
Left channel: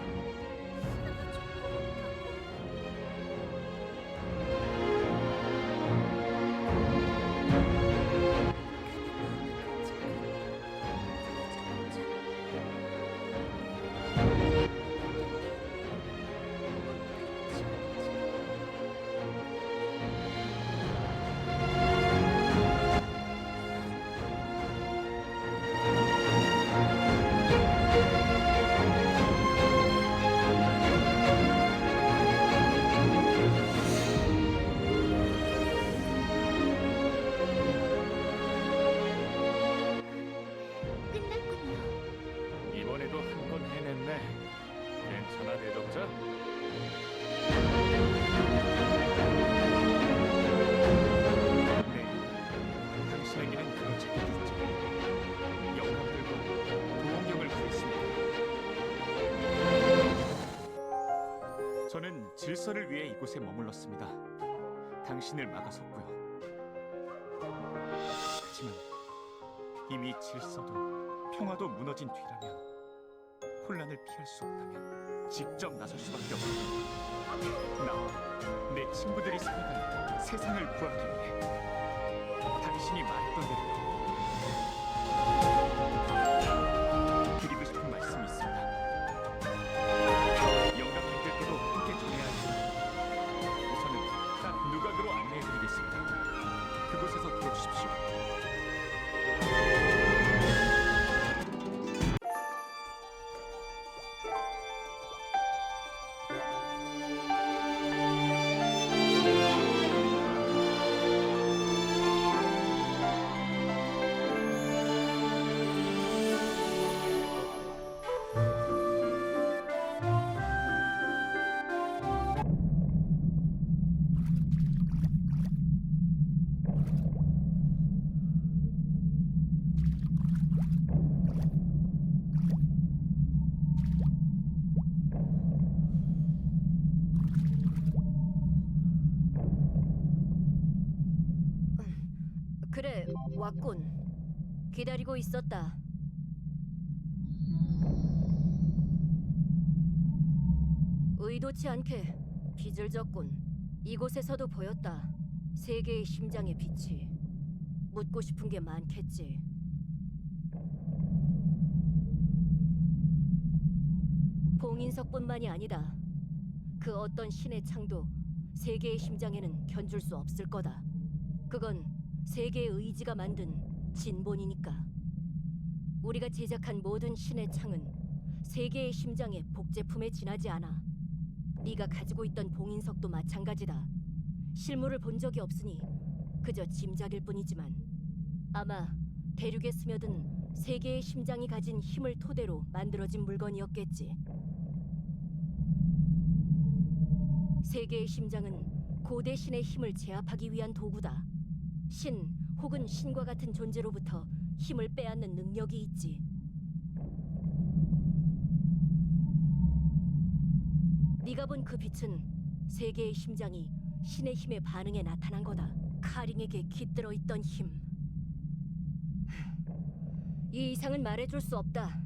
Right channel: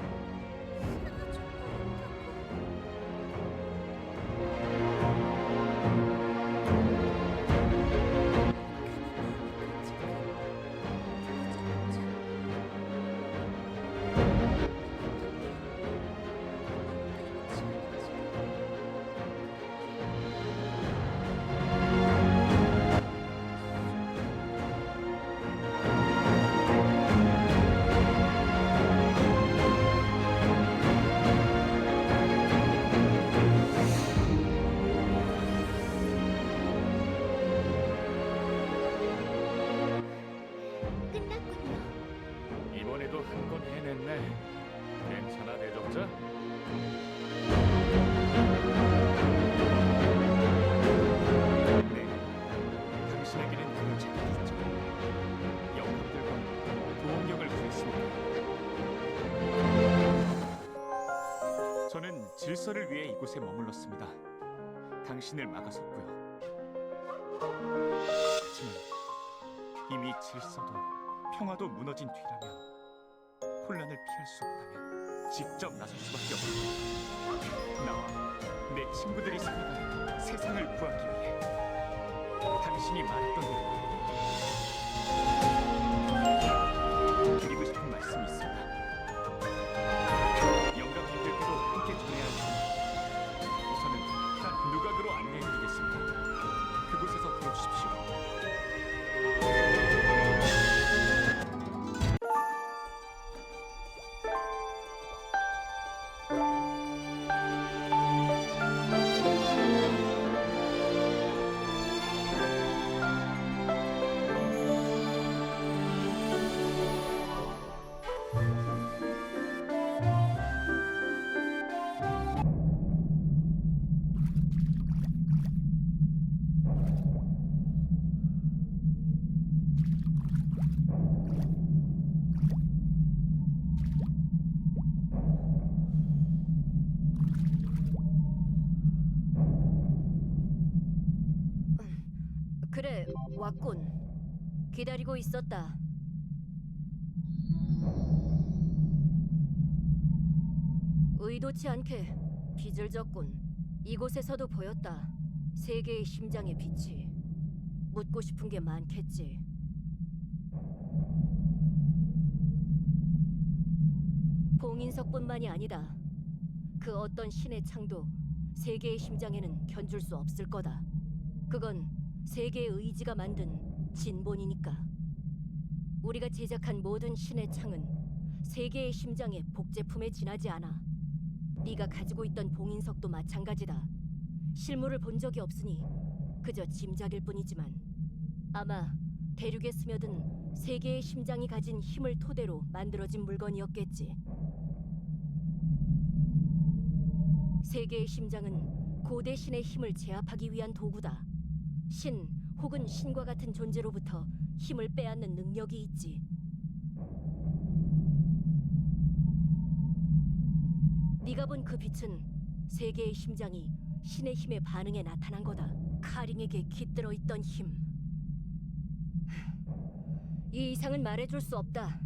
끝났군요. 이번에도 한 건 해냈네. 괜찮아, 대적자? 네, 당신 당신에게는 그런 자격이 있죠. 영감들과 도원경을 구했습니다. 저는 질서를 위해 이곳에 머물렀습니다. 당신을 막아섰고요. 하지만 이미 질서도 평화도 무너진 뒤라면, 혼란을 피할 수 없다면 직접 나설 수밖에 없습니다. 나와 내 친구들이 살아갈 세상을 구하기 위해 당신이 말했던 대로 드리고 싶은 말씀이 있습니다. 영감님들께도 함께 전해야 할 테니 우선은 난 누각으로 안내해드리겠습니다. 그곳에서 들어주십시오. 그래, 왔군. 기다리고 있었다. 의도치 않게 빚을 졌군. 이곳에서도 보였다. 세계의 심장의 빛이. 묻고 싶은 게 많겠지. 봉인석뿐만이 아니다. 그 어떤 신의 창도 세계의 심장에는 견줄 수 없을 거다. 그건 세계의 의지가 만든 진본이니까. 우리가 제작한 모든 신의 창은 세계의 심장의 복제품에 지나지 않아. 네가 가지고 있던 봉인석도 마찬가지다. 실물을 본 적이 없으니 그저 짐작일 뿐이지만 아마 대륙에 스며든 세계의 심장이 가진 힘을 토대로 만들어진 물건이었겠지. 세계의 심장은 고대 신의 힘을 제압하기 위한 도구다. 신 혹은 신과 같은 존재로부터 힘을 빼앗는 능력이 있지. 네가 본 그 빛은 세계의 심장이 신의 힘에 반응해 나타난 거다. 카링에게 깃들어 있던 힘. 이 이상은 말해줄 수 없다.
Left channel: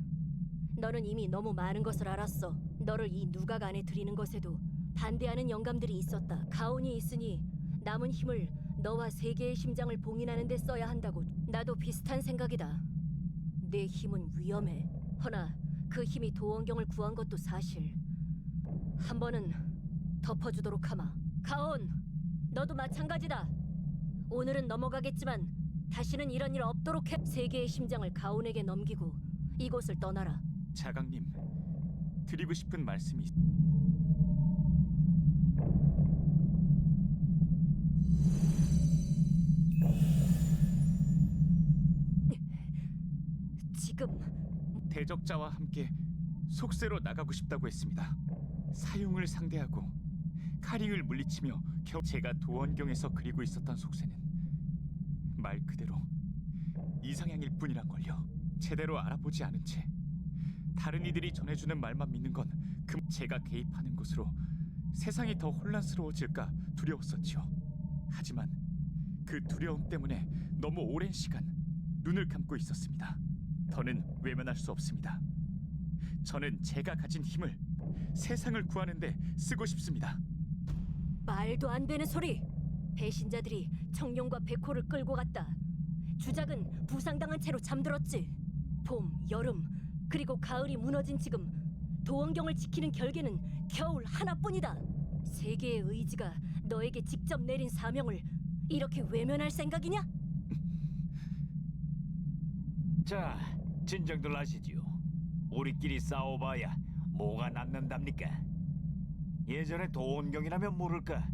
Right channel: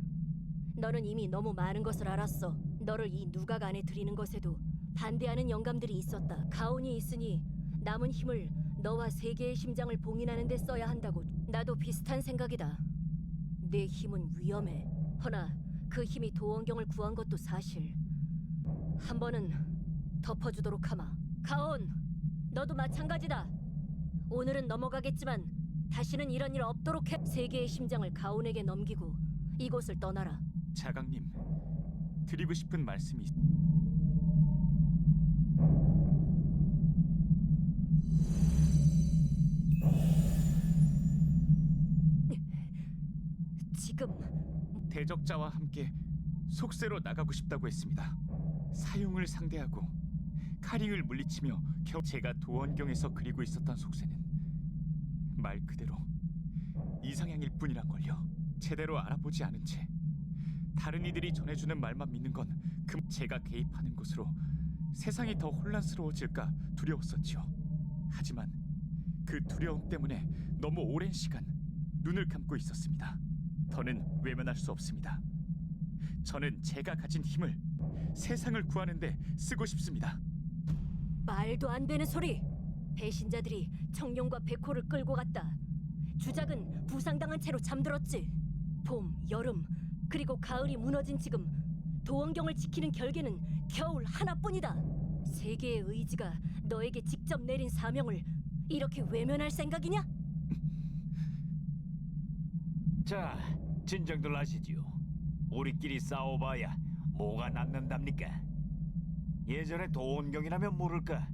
너는 이미 너무 많은 것을 알았어. 너를 이 누각 안에 들이는 것에도 반대하는 영감들이 있었다. 가온이 있으니 남은 힘을 너와 세계의 심장을 봉인하는 데 써야 한다고. 나도 비슷한 생각이다. 내 힘은 위험해. 허나 그 힘이 도원경을 구한 것도 사실. 한 번은 덮어주도록 하마. 가온, 너도 마찬가지다. 오늘은 넘어가겠지만 다시는 이런 일 없도록 해. 세계의 심장을 가온에게 넘기고 이곳을 떠나라. 자강님, 드리고 싶은 말씀이 지금 대적자와 함께 속세로 나가고 싶다고 했습니다. 사용을 상대하고 카링을 물리치며 겨우 제가 도원경에서 그리고 있었던 속세는 말 그대로 이상향일 뿐이란 걸요. 제대로 알아보지 않은 채 다른 이들이 전해주는 말만 믿는 건 제가 개입하는 것으로 세상이 더 혼란스러워질까 두려웠었지요. 하지만 그 두려움 때문에 너무 오랜 시간 눈을 감고 있었습니다. 더는 외면할 수 없습니다. 저는 제가 가진 힘을 세상을 구하는 데 쓰고 싶습니다. 말도 안 되는 소리! 배신자들이 청룡과 백호를 끌고 갔다. 주작은 부상당한 채로 잠들었지. 봄, 여름, 그리고 가을이 무너진 지금 도원경을 지키는 결계는 겨울 하나뿐이다. 세계의 의지가 너에게 직접 내린 사명을 이렇게 외면할 생각이냐? 자, 진정들 하시지요. 우리끼리 싸워봐야 뭐가 남는답니까? 예전에 도원경이라면 모를까.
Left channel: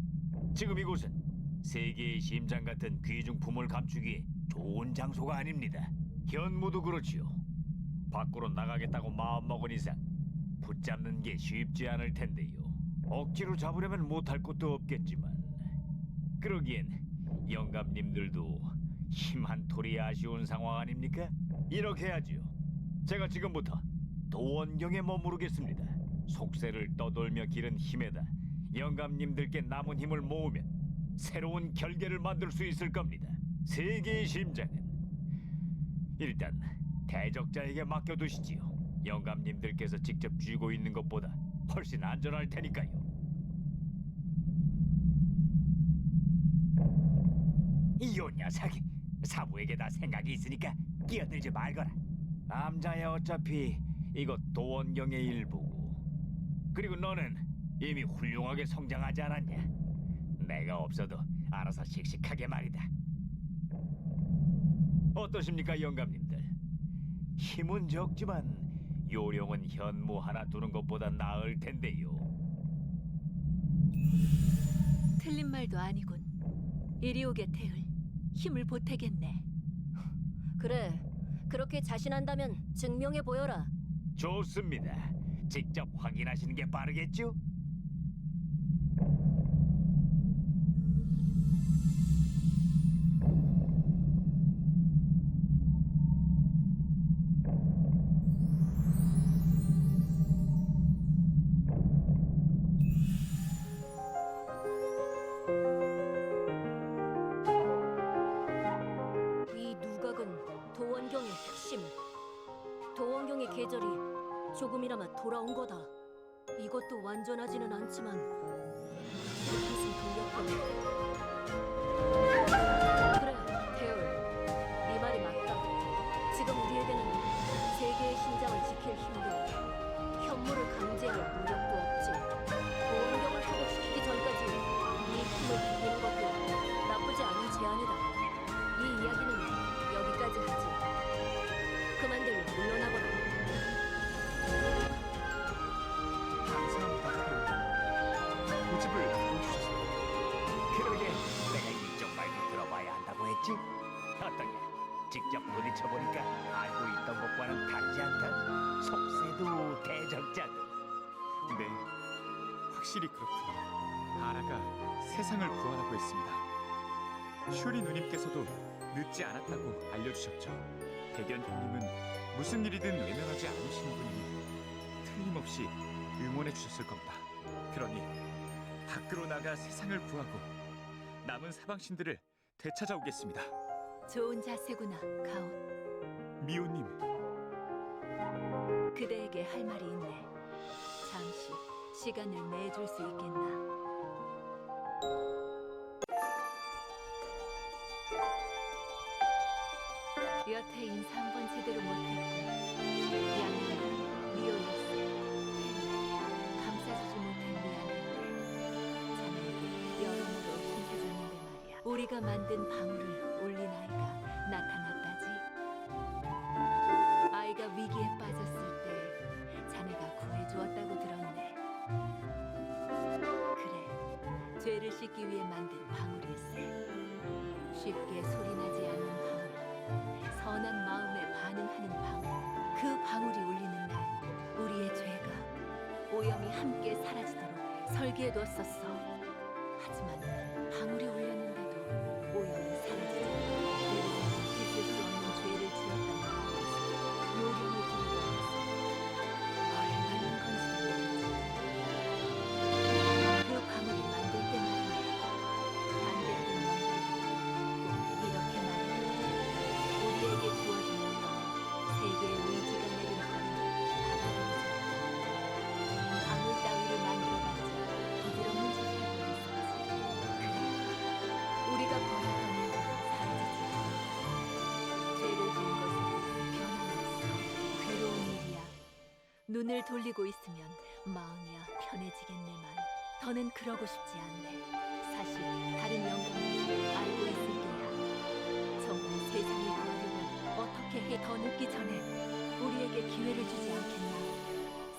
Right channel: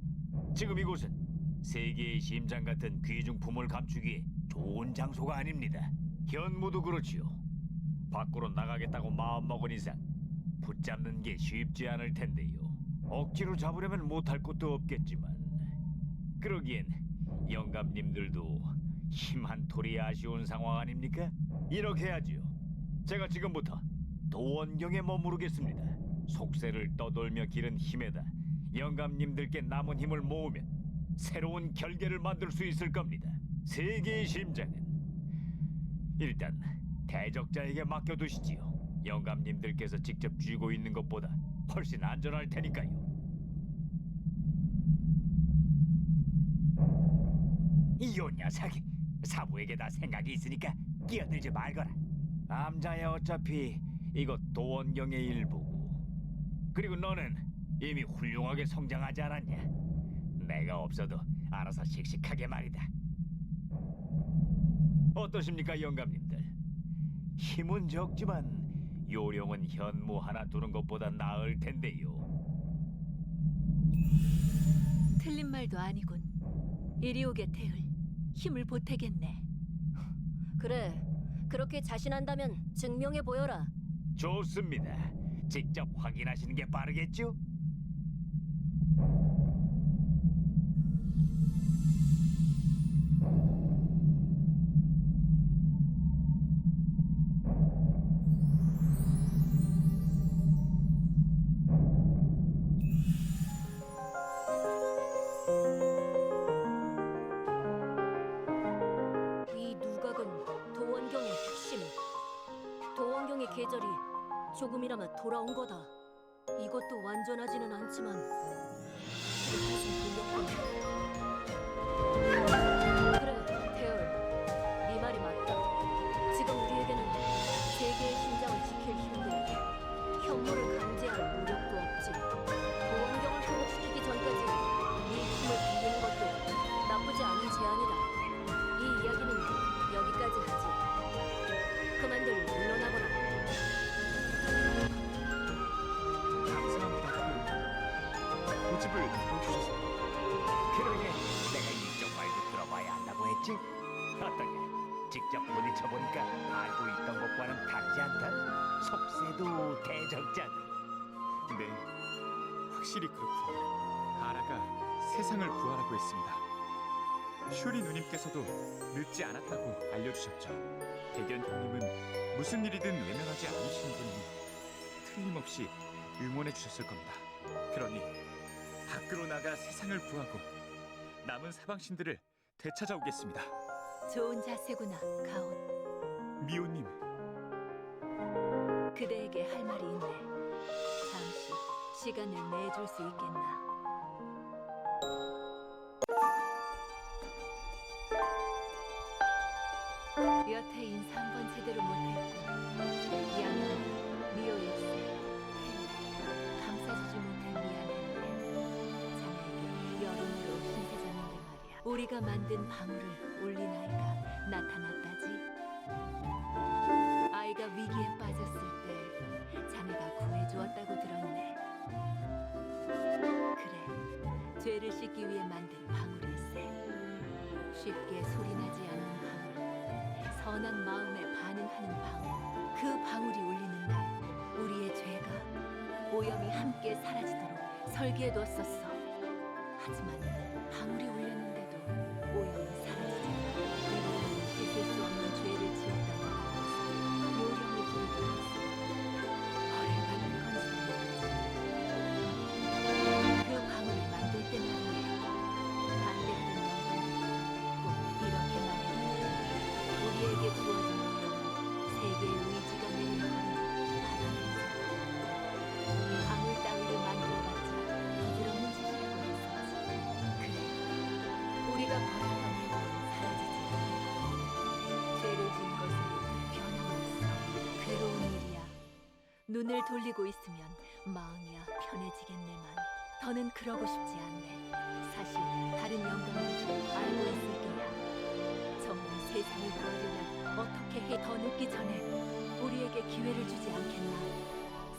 지금 이곳은 세계의 심장 같은 귀중품을 감추기에 좋은 장소가 아닙니다. 현무도 그렇지요. 밖으로 나가겠다고 마음먹은 이상 붙잡는 게 쉽지 않을 텐데요. 억지로 잡으려면 못할 것도 없겠지만 그러기엔 영감님들도 힘 한 톨이 아쉬운 상황 아닙니까? 이렇게 하지요. 제가 지금부터 도원경에 머무르겠습니다. 속세를 떠돌며 기른 힘에다 영감님들께 남은 힘을 모으면 새로운 결계를 만들 수 있을 겁니다. 세계의 심장은 일단 대적자에게 맡겨두시지요. 영감님들께서 직접 쥐고 있는 것보다 훨씬 안전할 테니까요. 이 녀석, 사부에게 다 생각이 있으니까 끼어들지 말거라. 암자야 어차피 이것 도원경의 일부고, 그리고 너는 이미 훌륭하게 성장하지 않았냐? 내가 없어도 알아서 씩씩하게 말이다. 어떠십니까, 영감님들? 힘은 적지만 요령은 현무 하나 두는 것보다 나을 텐데요. 틀린 말도 아니군. 이리 오게 태을. 힘을 보태겠네. 그래, 그렇게 자신한다면 증명해 보여라. 좋습니다. 직접 확인하시는 게 빠르겠죠? 이 누각은 도원경의 핵심. 도원경의 계절이 조금이나마 돌아온 거다. 이것도 완전하지는 않지만 한숨 돌렸군. 그래, 태울. 네 말이 맞다. 지금 우리에게는 세계의 심장을 지킬 힘도 현무를 강제할 무력도 없지. 도원경을 회복시키기 전까지 네 힘을 빌리는 것도 나쁘지 않은 제안이다. 이 이야기는 여기까지 하지. 그만들 물러나거라. 감사합니다, 태우. 고집을 들어주셔서. 그러게 내가 이쪽 말도 들어봐야 한다고 했지? 어떠냐? 직접 부딪혀보니까 알고 있던 것과는 다르지 않다? 속세도 대적자도. 네, 확실히 그렇군요. 아라가 세상을 구하라고 했습니다. 슈리 누님께서도 늦지 않았다고 알려주셨죠. 대견 형님은 무슨 일이든 외면하지 않으시는 분이 틀림없이 응원해 주셨을 겁니다. 그러니 밖으로 나가 세상을 구하고 남은 사방신들을 되찾아오겠습니다. 좋은 자세구나, 가온. 미호님, 그대에게 할 말이 있네. 잠시 시간을 내줄 수 있겠나? 여태 인사 한 번 제대로 못했고 양양은 미오일세 감싸주지 못해 미안했네. 자네에게 여러모로 힘세졌는데 말이야. 우리가 만든 방울을 올린 아이가 나타났다지. 아이가 위기에 빠졌을 때 자네가 구해주었다고 들었네. 그래, 죄를 씻기 위해 만든 방울일세. 쉽게 소리나지 않는 방울, 선한 마음에 반응하는 방울. 그 방울이 울리는 날 우리의 죄가 오염이 함께 사라지도록 설계해뒀었어. 하지만 방울이 울렸는데도 오염은 사라지지 않아. 이들은 씻을 수 없는 죄를 지었다고 하고 있어. 요령을 부리려 해서 벌을 받는 건지도 모르지. 그 방울을 만들 때 말이네. 반대하는 영혼이 꼭 이렇게 말했다. 우리에게 주어진 오염은 세계의 의지가 내린 벌을 받아들이자. 방울 따위를 만들어봤자 부질없는 짓이라고 했었지. 그래, 우리가 버렸던 일들은 사라지지 않아. 죄를 지은 것은 변함없어. 괴로운 일이야. 눈을 돌리고 있으면 마음이야 편해지겠네만 더는 그러고 싶지 않네. 사실 다른 영감들도 알고 있을 게야. 정말 세상을 구하려면 어떻게 해? 더 늦기 전에 우리에게 기회를 주지 않겠나?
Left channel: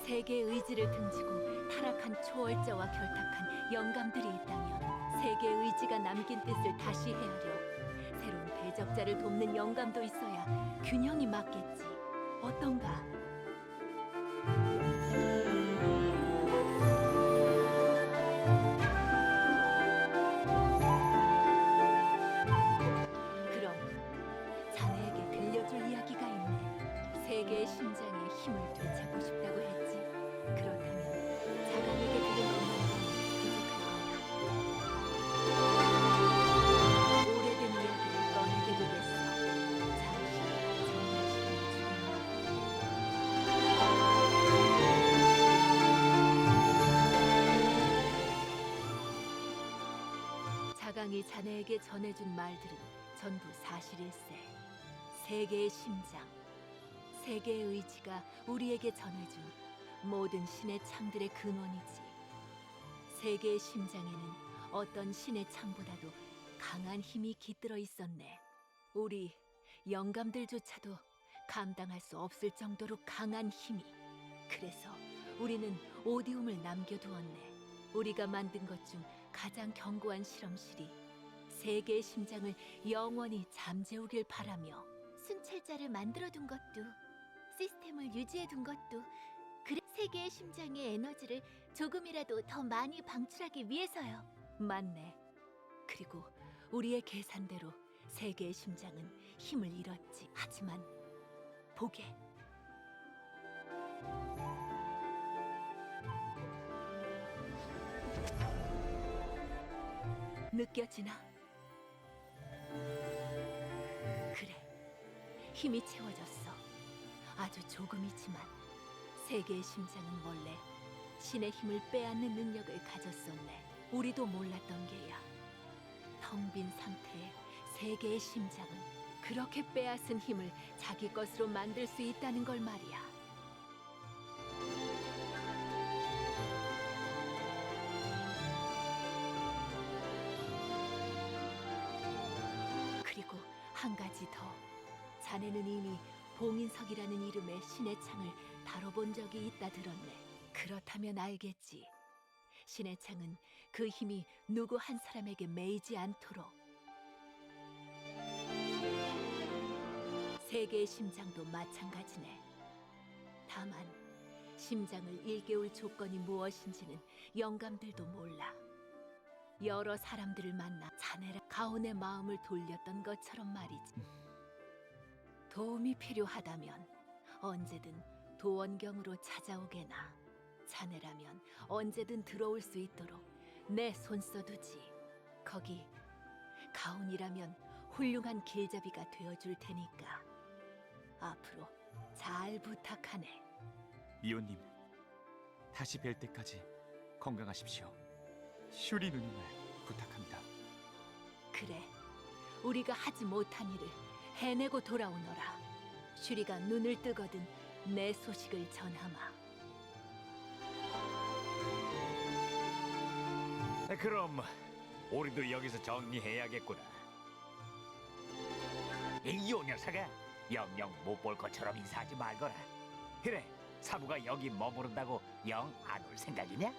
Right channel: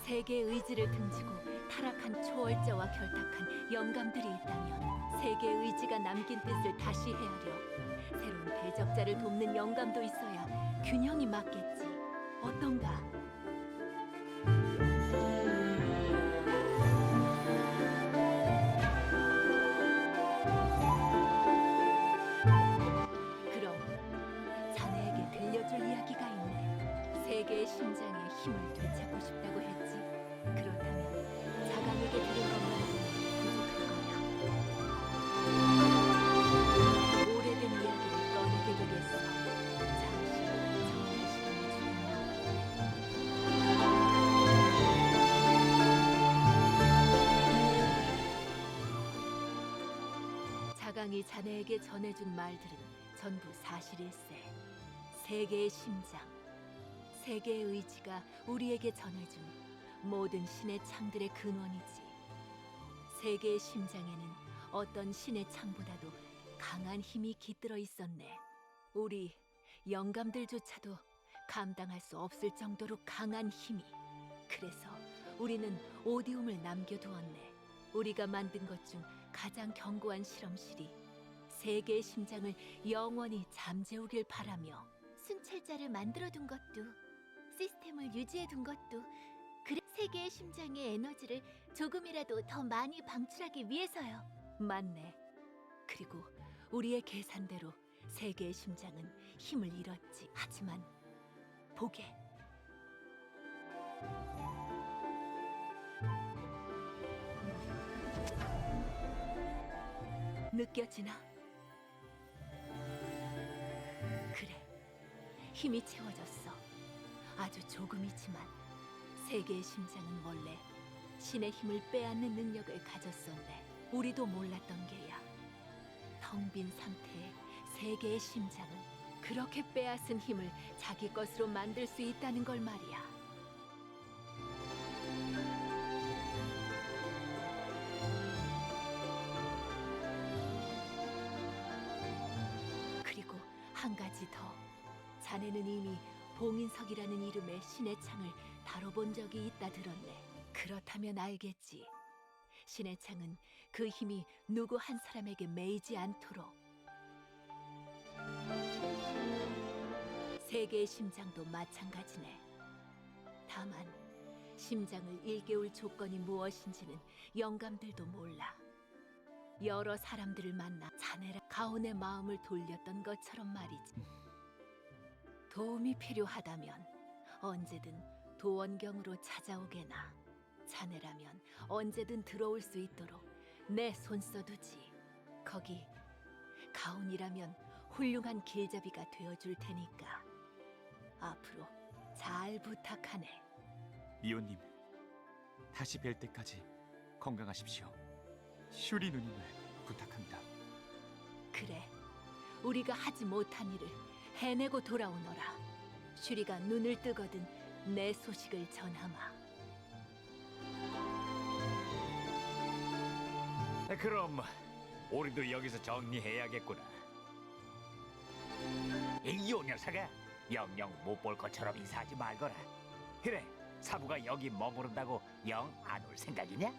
세계의 의지를 등지고 타락한 초월자와 결탁한 영감들이 있다면 세계의 의지가 남긴 뜻을 다시 헤아려 새로운 대적자를 돕는 영감도 있어야 균형이 맞겠지. 어떤가? 그럼 자네에게 들려줄 이야기가 있네. 세계의 심장에 힘을 되찾고 싶다고 했지. 그렇다면 자강에게 들은 것만으로는 부족할 거야. 오래된 이야기를 꺼내게 되겠어. 잠시 정리할 시간을 주겠나? 자강이 자네에게 전해준 말들은 전부 사실일세. 세계의 심장, 세계의 의지가 우리에게 전해준 모든 신의 창들의 근원이지. 세계의 심장에는 어떤 신의 창보다도 강한 힘이 깃들어 있었네. 우리 영감들조차도 감당할 수 없을 정도로 강한 힘이. 그래서 우리는 오디움을 남겨두었네. 우리가 만든 것 중 가장 견고한 실험실이 세계의 심장을 영원히 잠재우길 바라며 순찰자를 만들어둔 것도, 시스템을 유지해둔 것도, 그래 세계의 심장의 에너지를 조금이라도 더 많이 방출하기 위해서요. 맞네. 그리고 우리의 계산대로 세계의 심장은 힘을 잃었지. 하지만 보게. 느껴지나? 그래, 힘이 채워졌어. 아주 조금이지만 세계의 심장은 원래 신의 힘을 빼앗는 능력을 가졌었네. 우리도 몰랐던 게야. 텅 빈 상태의 세계의 심장은 그렇게 빼앗은 힘을 자기 것으로 만들 수 있다는 걸 말이야. 그리고 한 가지 더. 자네는 이미 봉인석이라는 이름의 신의 창을 다뤄본 적이 있다 들었네. 그렇다면 알겠지. 신의 창은 그 힘이 누구 한 사람에게 매이지 않도록. 세계의 심장도 마찬가지네. 다만 심장을 일깨울 조건이 무엇인지는 영감들도 몰라. 여러 사람들을 만나 자네라 가온의 마음을 돌렸던 것처럼 말이지. 도움이 필요하다면 언제든 도원경으로 찾아오게나. 자네라면 언제든 들어올 수 있도록 내 손 써두지. 거기 가온이라면 훌륭한 길잡이가 되어줄 테니까 앞으로 잘 부탁하네. 미호님, 다시 뵐 때까지 건강하십시오. 슈리 누님을 부탁합니다. 그래, 우리가 하지 못한 일을 해내고 돌아오너라. 슈리가 눈을 뜨거든 내 소식을 전하마. 그럼 우리도 여기서 정리해야겠구나. 이 녀석아, 영영 못 볼 것처럼 인사하지 말거라. 그래, 사부가 여기 머무른다고 영 안 올 생각이냐?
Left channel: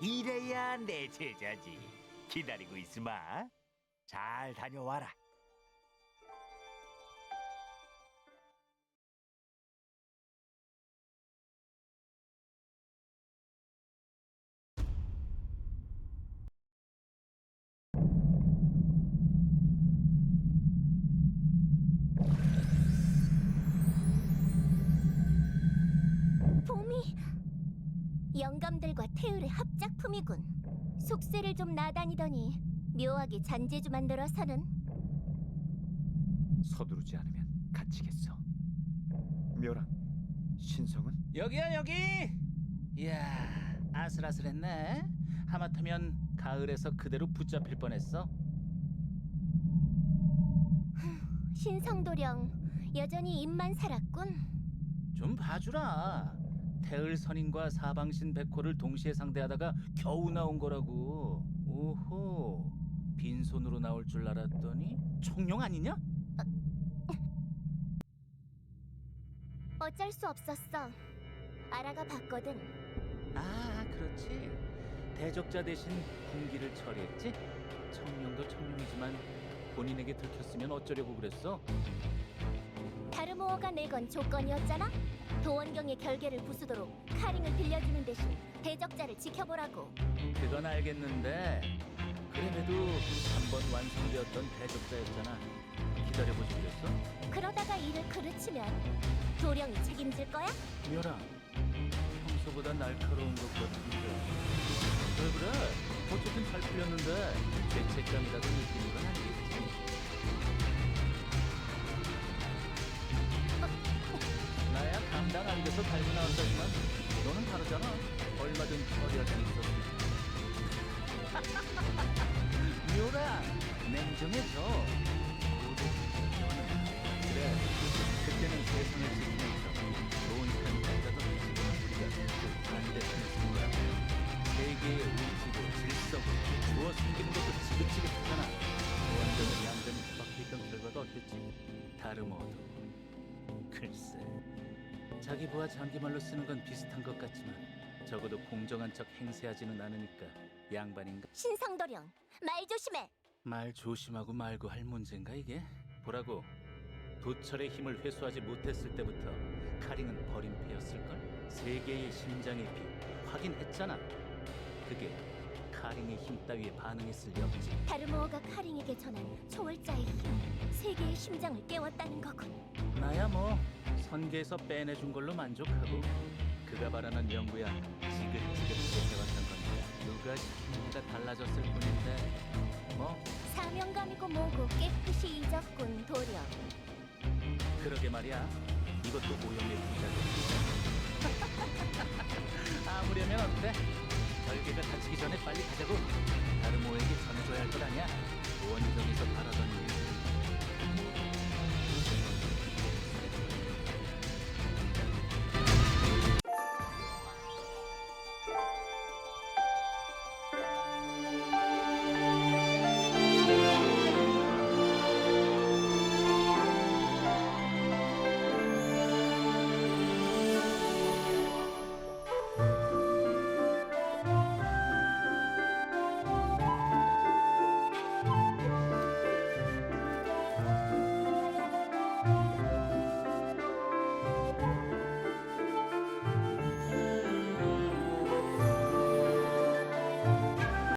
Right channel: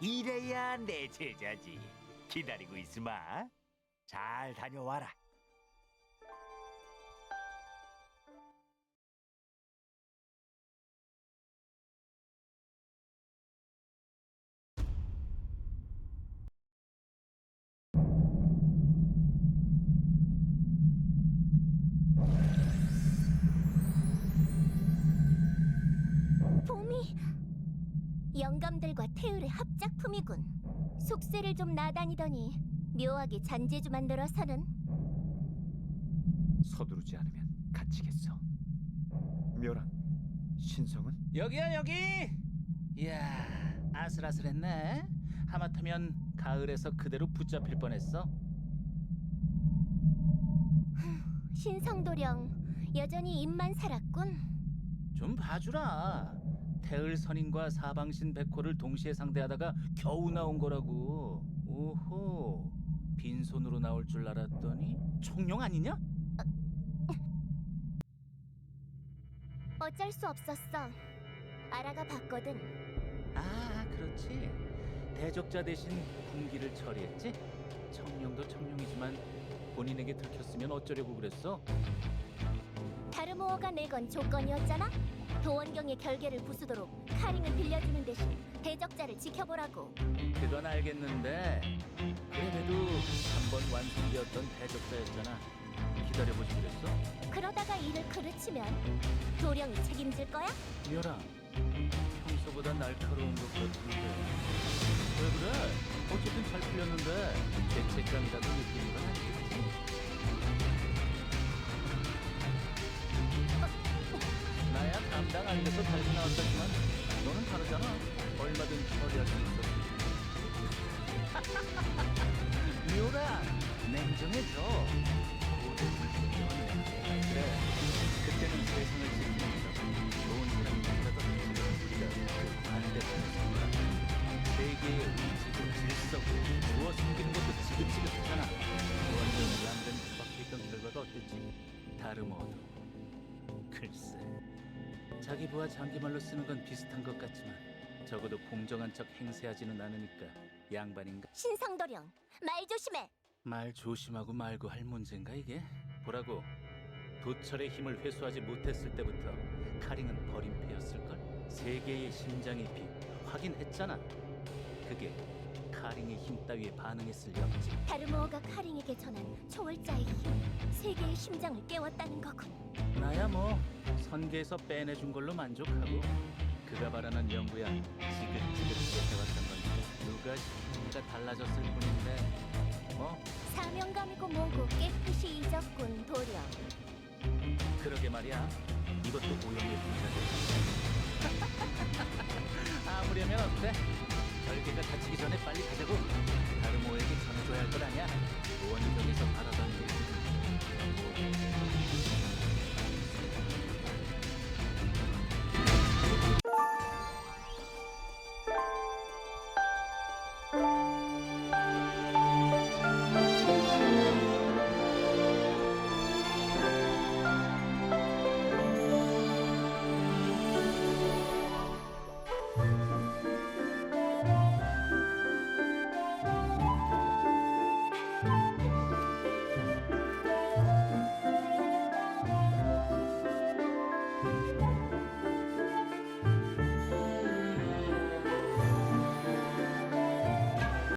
이래야 내 제자지. 기다리고 있으마. 잘 다녀와라. 봄이 영감들과 태율의 합작품이군. 속세를 좀 나다니더니 묘하게 잔재주 만들어서는. 서두르지 않으면 갇히겠어. 묘랑 신성은? 여기야 여기. 이야, 아슬아슬했네. 하마터면 가을에서 그대로 붙잡힐 뻔했어. 신성도령 여전히 입만 살았군. 좀 봐주라. 태을 선인과 사방신 백호를 동시에 상대하다가 겨우 나온 거라고. 오호, 빈손으로 나올 줄 알았더니 총룡 아니냐? 어쩔 수 없었어. 알아가 봤거든. 아, 그렇지. 대적자 대신 군기를 처리했지? 청룡도 청룡이지만 본인에게 들켰으면 어쩌려고 그랬어? 다르모어가 내건 조건이었잖아. 도원경의 결계를 부수도록 카링을 빌려주는 대신 대적자를 지켜보라고. 그건 알겠는데 그 그래도 한 번 완성되었던 대적자였잖아. 기다려보지 그랬어? 그러다가 일을 그르치면 도령이 책임질 거야? 묘라, 평소보다 날카로운 것 같은데. 왜 그래? 어쨌든 잘 풀렸는데 죄책감이라도 느끼는 건 아니겠지? 나야 감당 안 돼서 달고 나왔다지만 너는 다르잖아. 얼마든 처리할 수 있었을 텐데. 묘라, 냉정해져. 고대 불신자와는 다르다. 그래, 그때는 세상을 지키는 척 좋은 사람이 된다던 지금은 우리가 그 반대편에 선 거라. 세계의 의지고 질서고 주어 숨기는 것도 지긋지긋하잖아. 원전을 얌전히 처박혀있던 결과가 어땠지? 다름어도. 글쎄, 자기 부하 장기말로 쓰는 건 비슷한 것 같지만 적어도 공정한 척 행세하지는 않으니까 양반인가? 신상도령, 말 조심해. 말 조심하고 말고 할 문제인가 이게? 보라고, 도철의 힘을 회수하지 못했을 때부터 카링은 버림패였을걸? 세계의 심장의 빛 확인했잖아. 그게 카링의 힘 따위에 반응했을 리 없지. 다르모어가 카링에게 전한 초월자의 힘이 세계의 심장을 깨웠다는 거군. 나야 뭐 선계에서 빼내준 걸로 만족하고, 그가 바라는 연구야 지긋지긋하게 해왔던 거니까 누가 시키느냐가 달라졌을 뿐인데 뭐. 사명감이고 뭐고 깨끗이 잊었군, 도령. 그러게 말이야. 이것도 오염의 부작용. 아무려면 어때? 결계가 다치기 전에 빨리 가자고. 다르모에게 전해줘야 할 것 아니야? 원정에서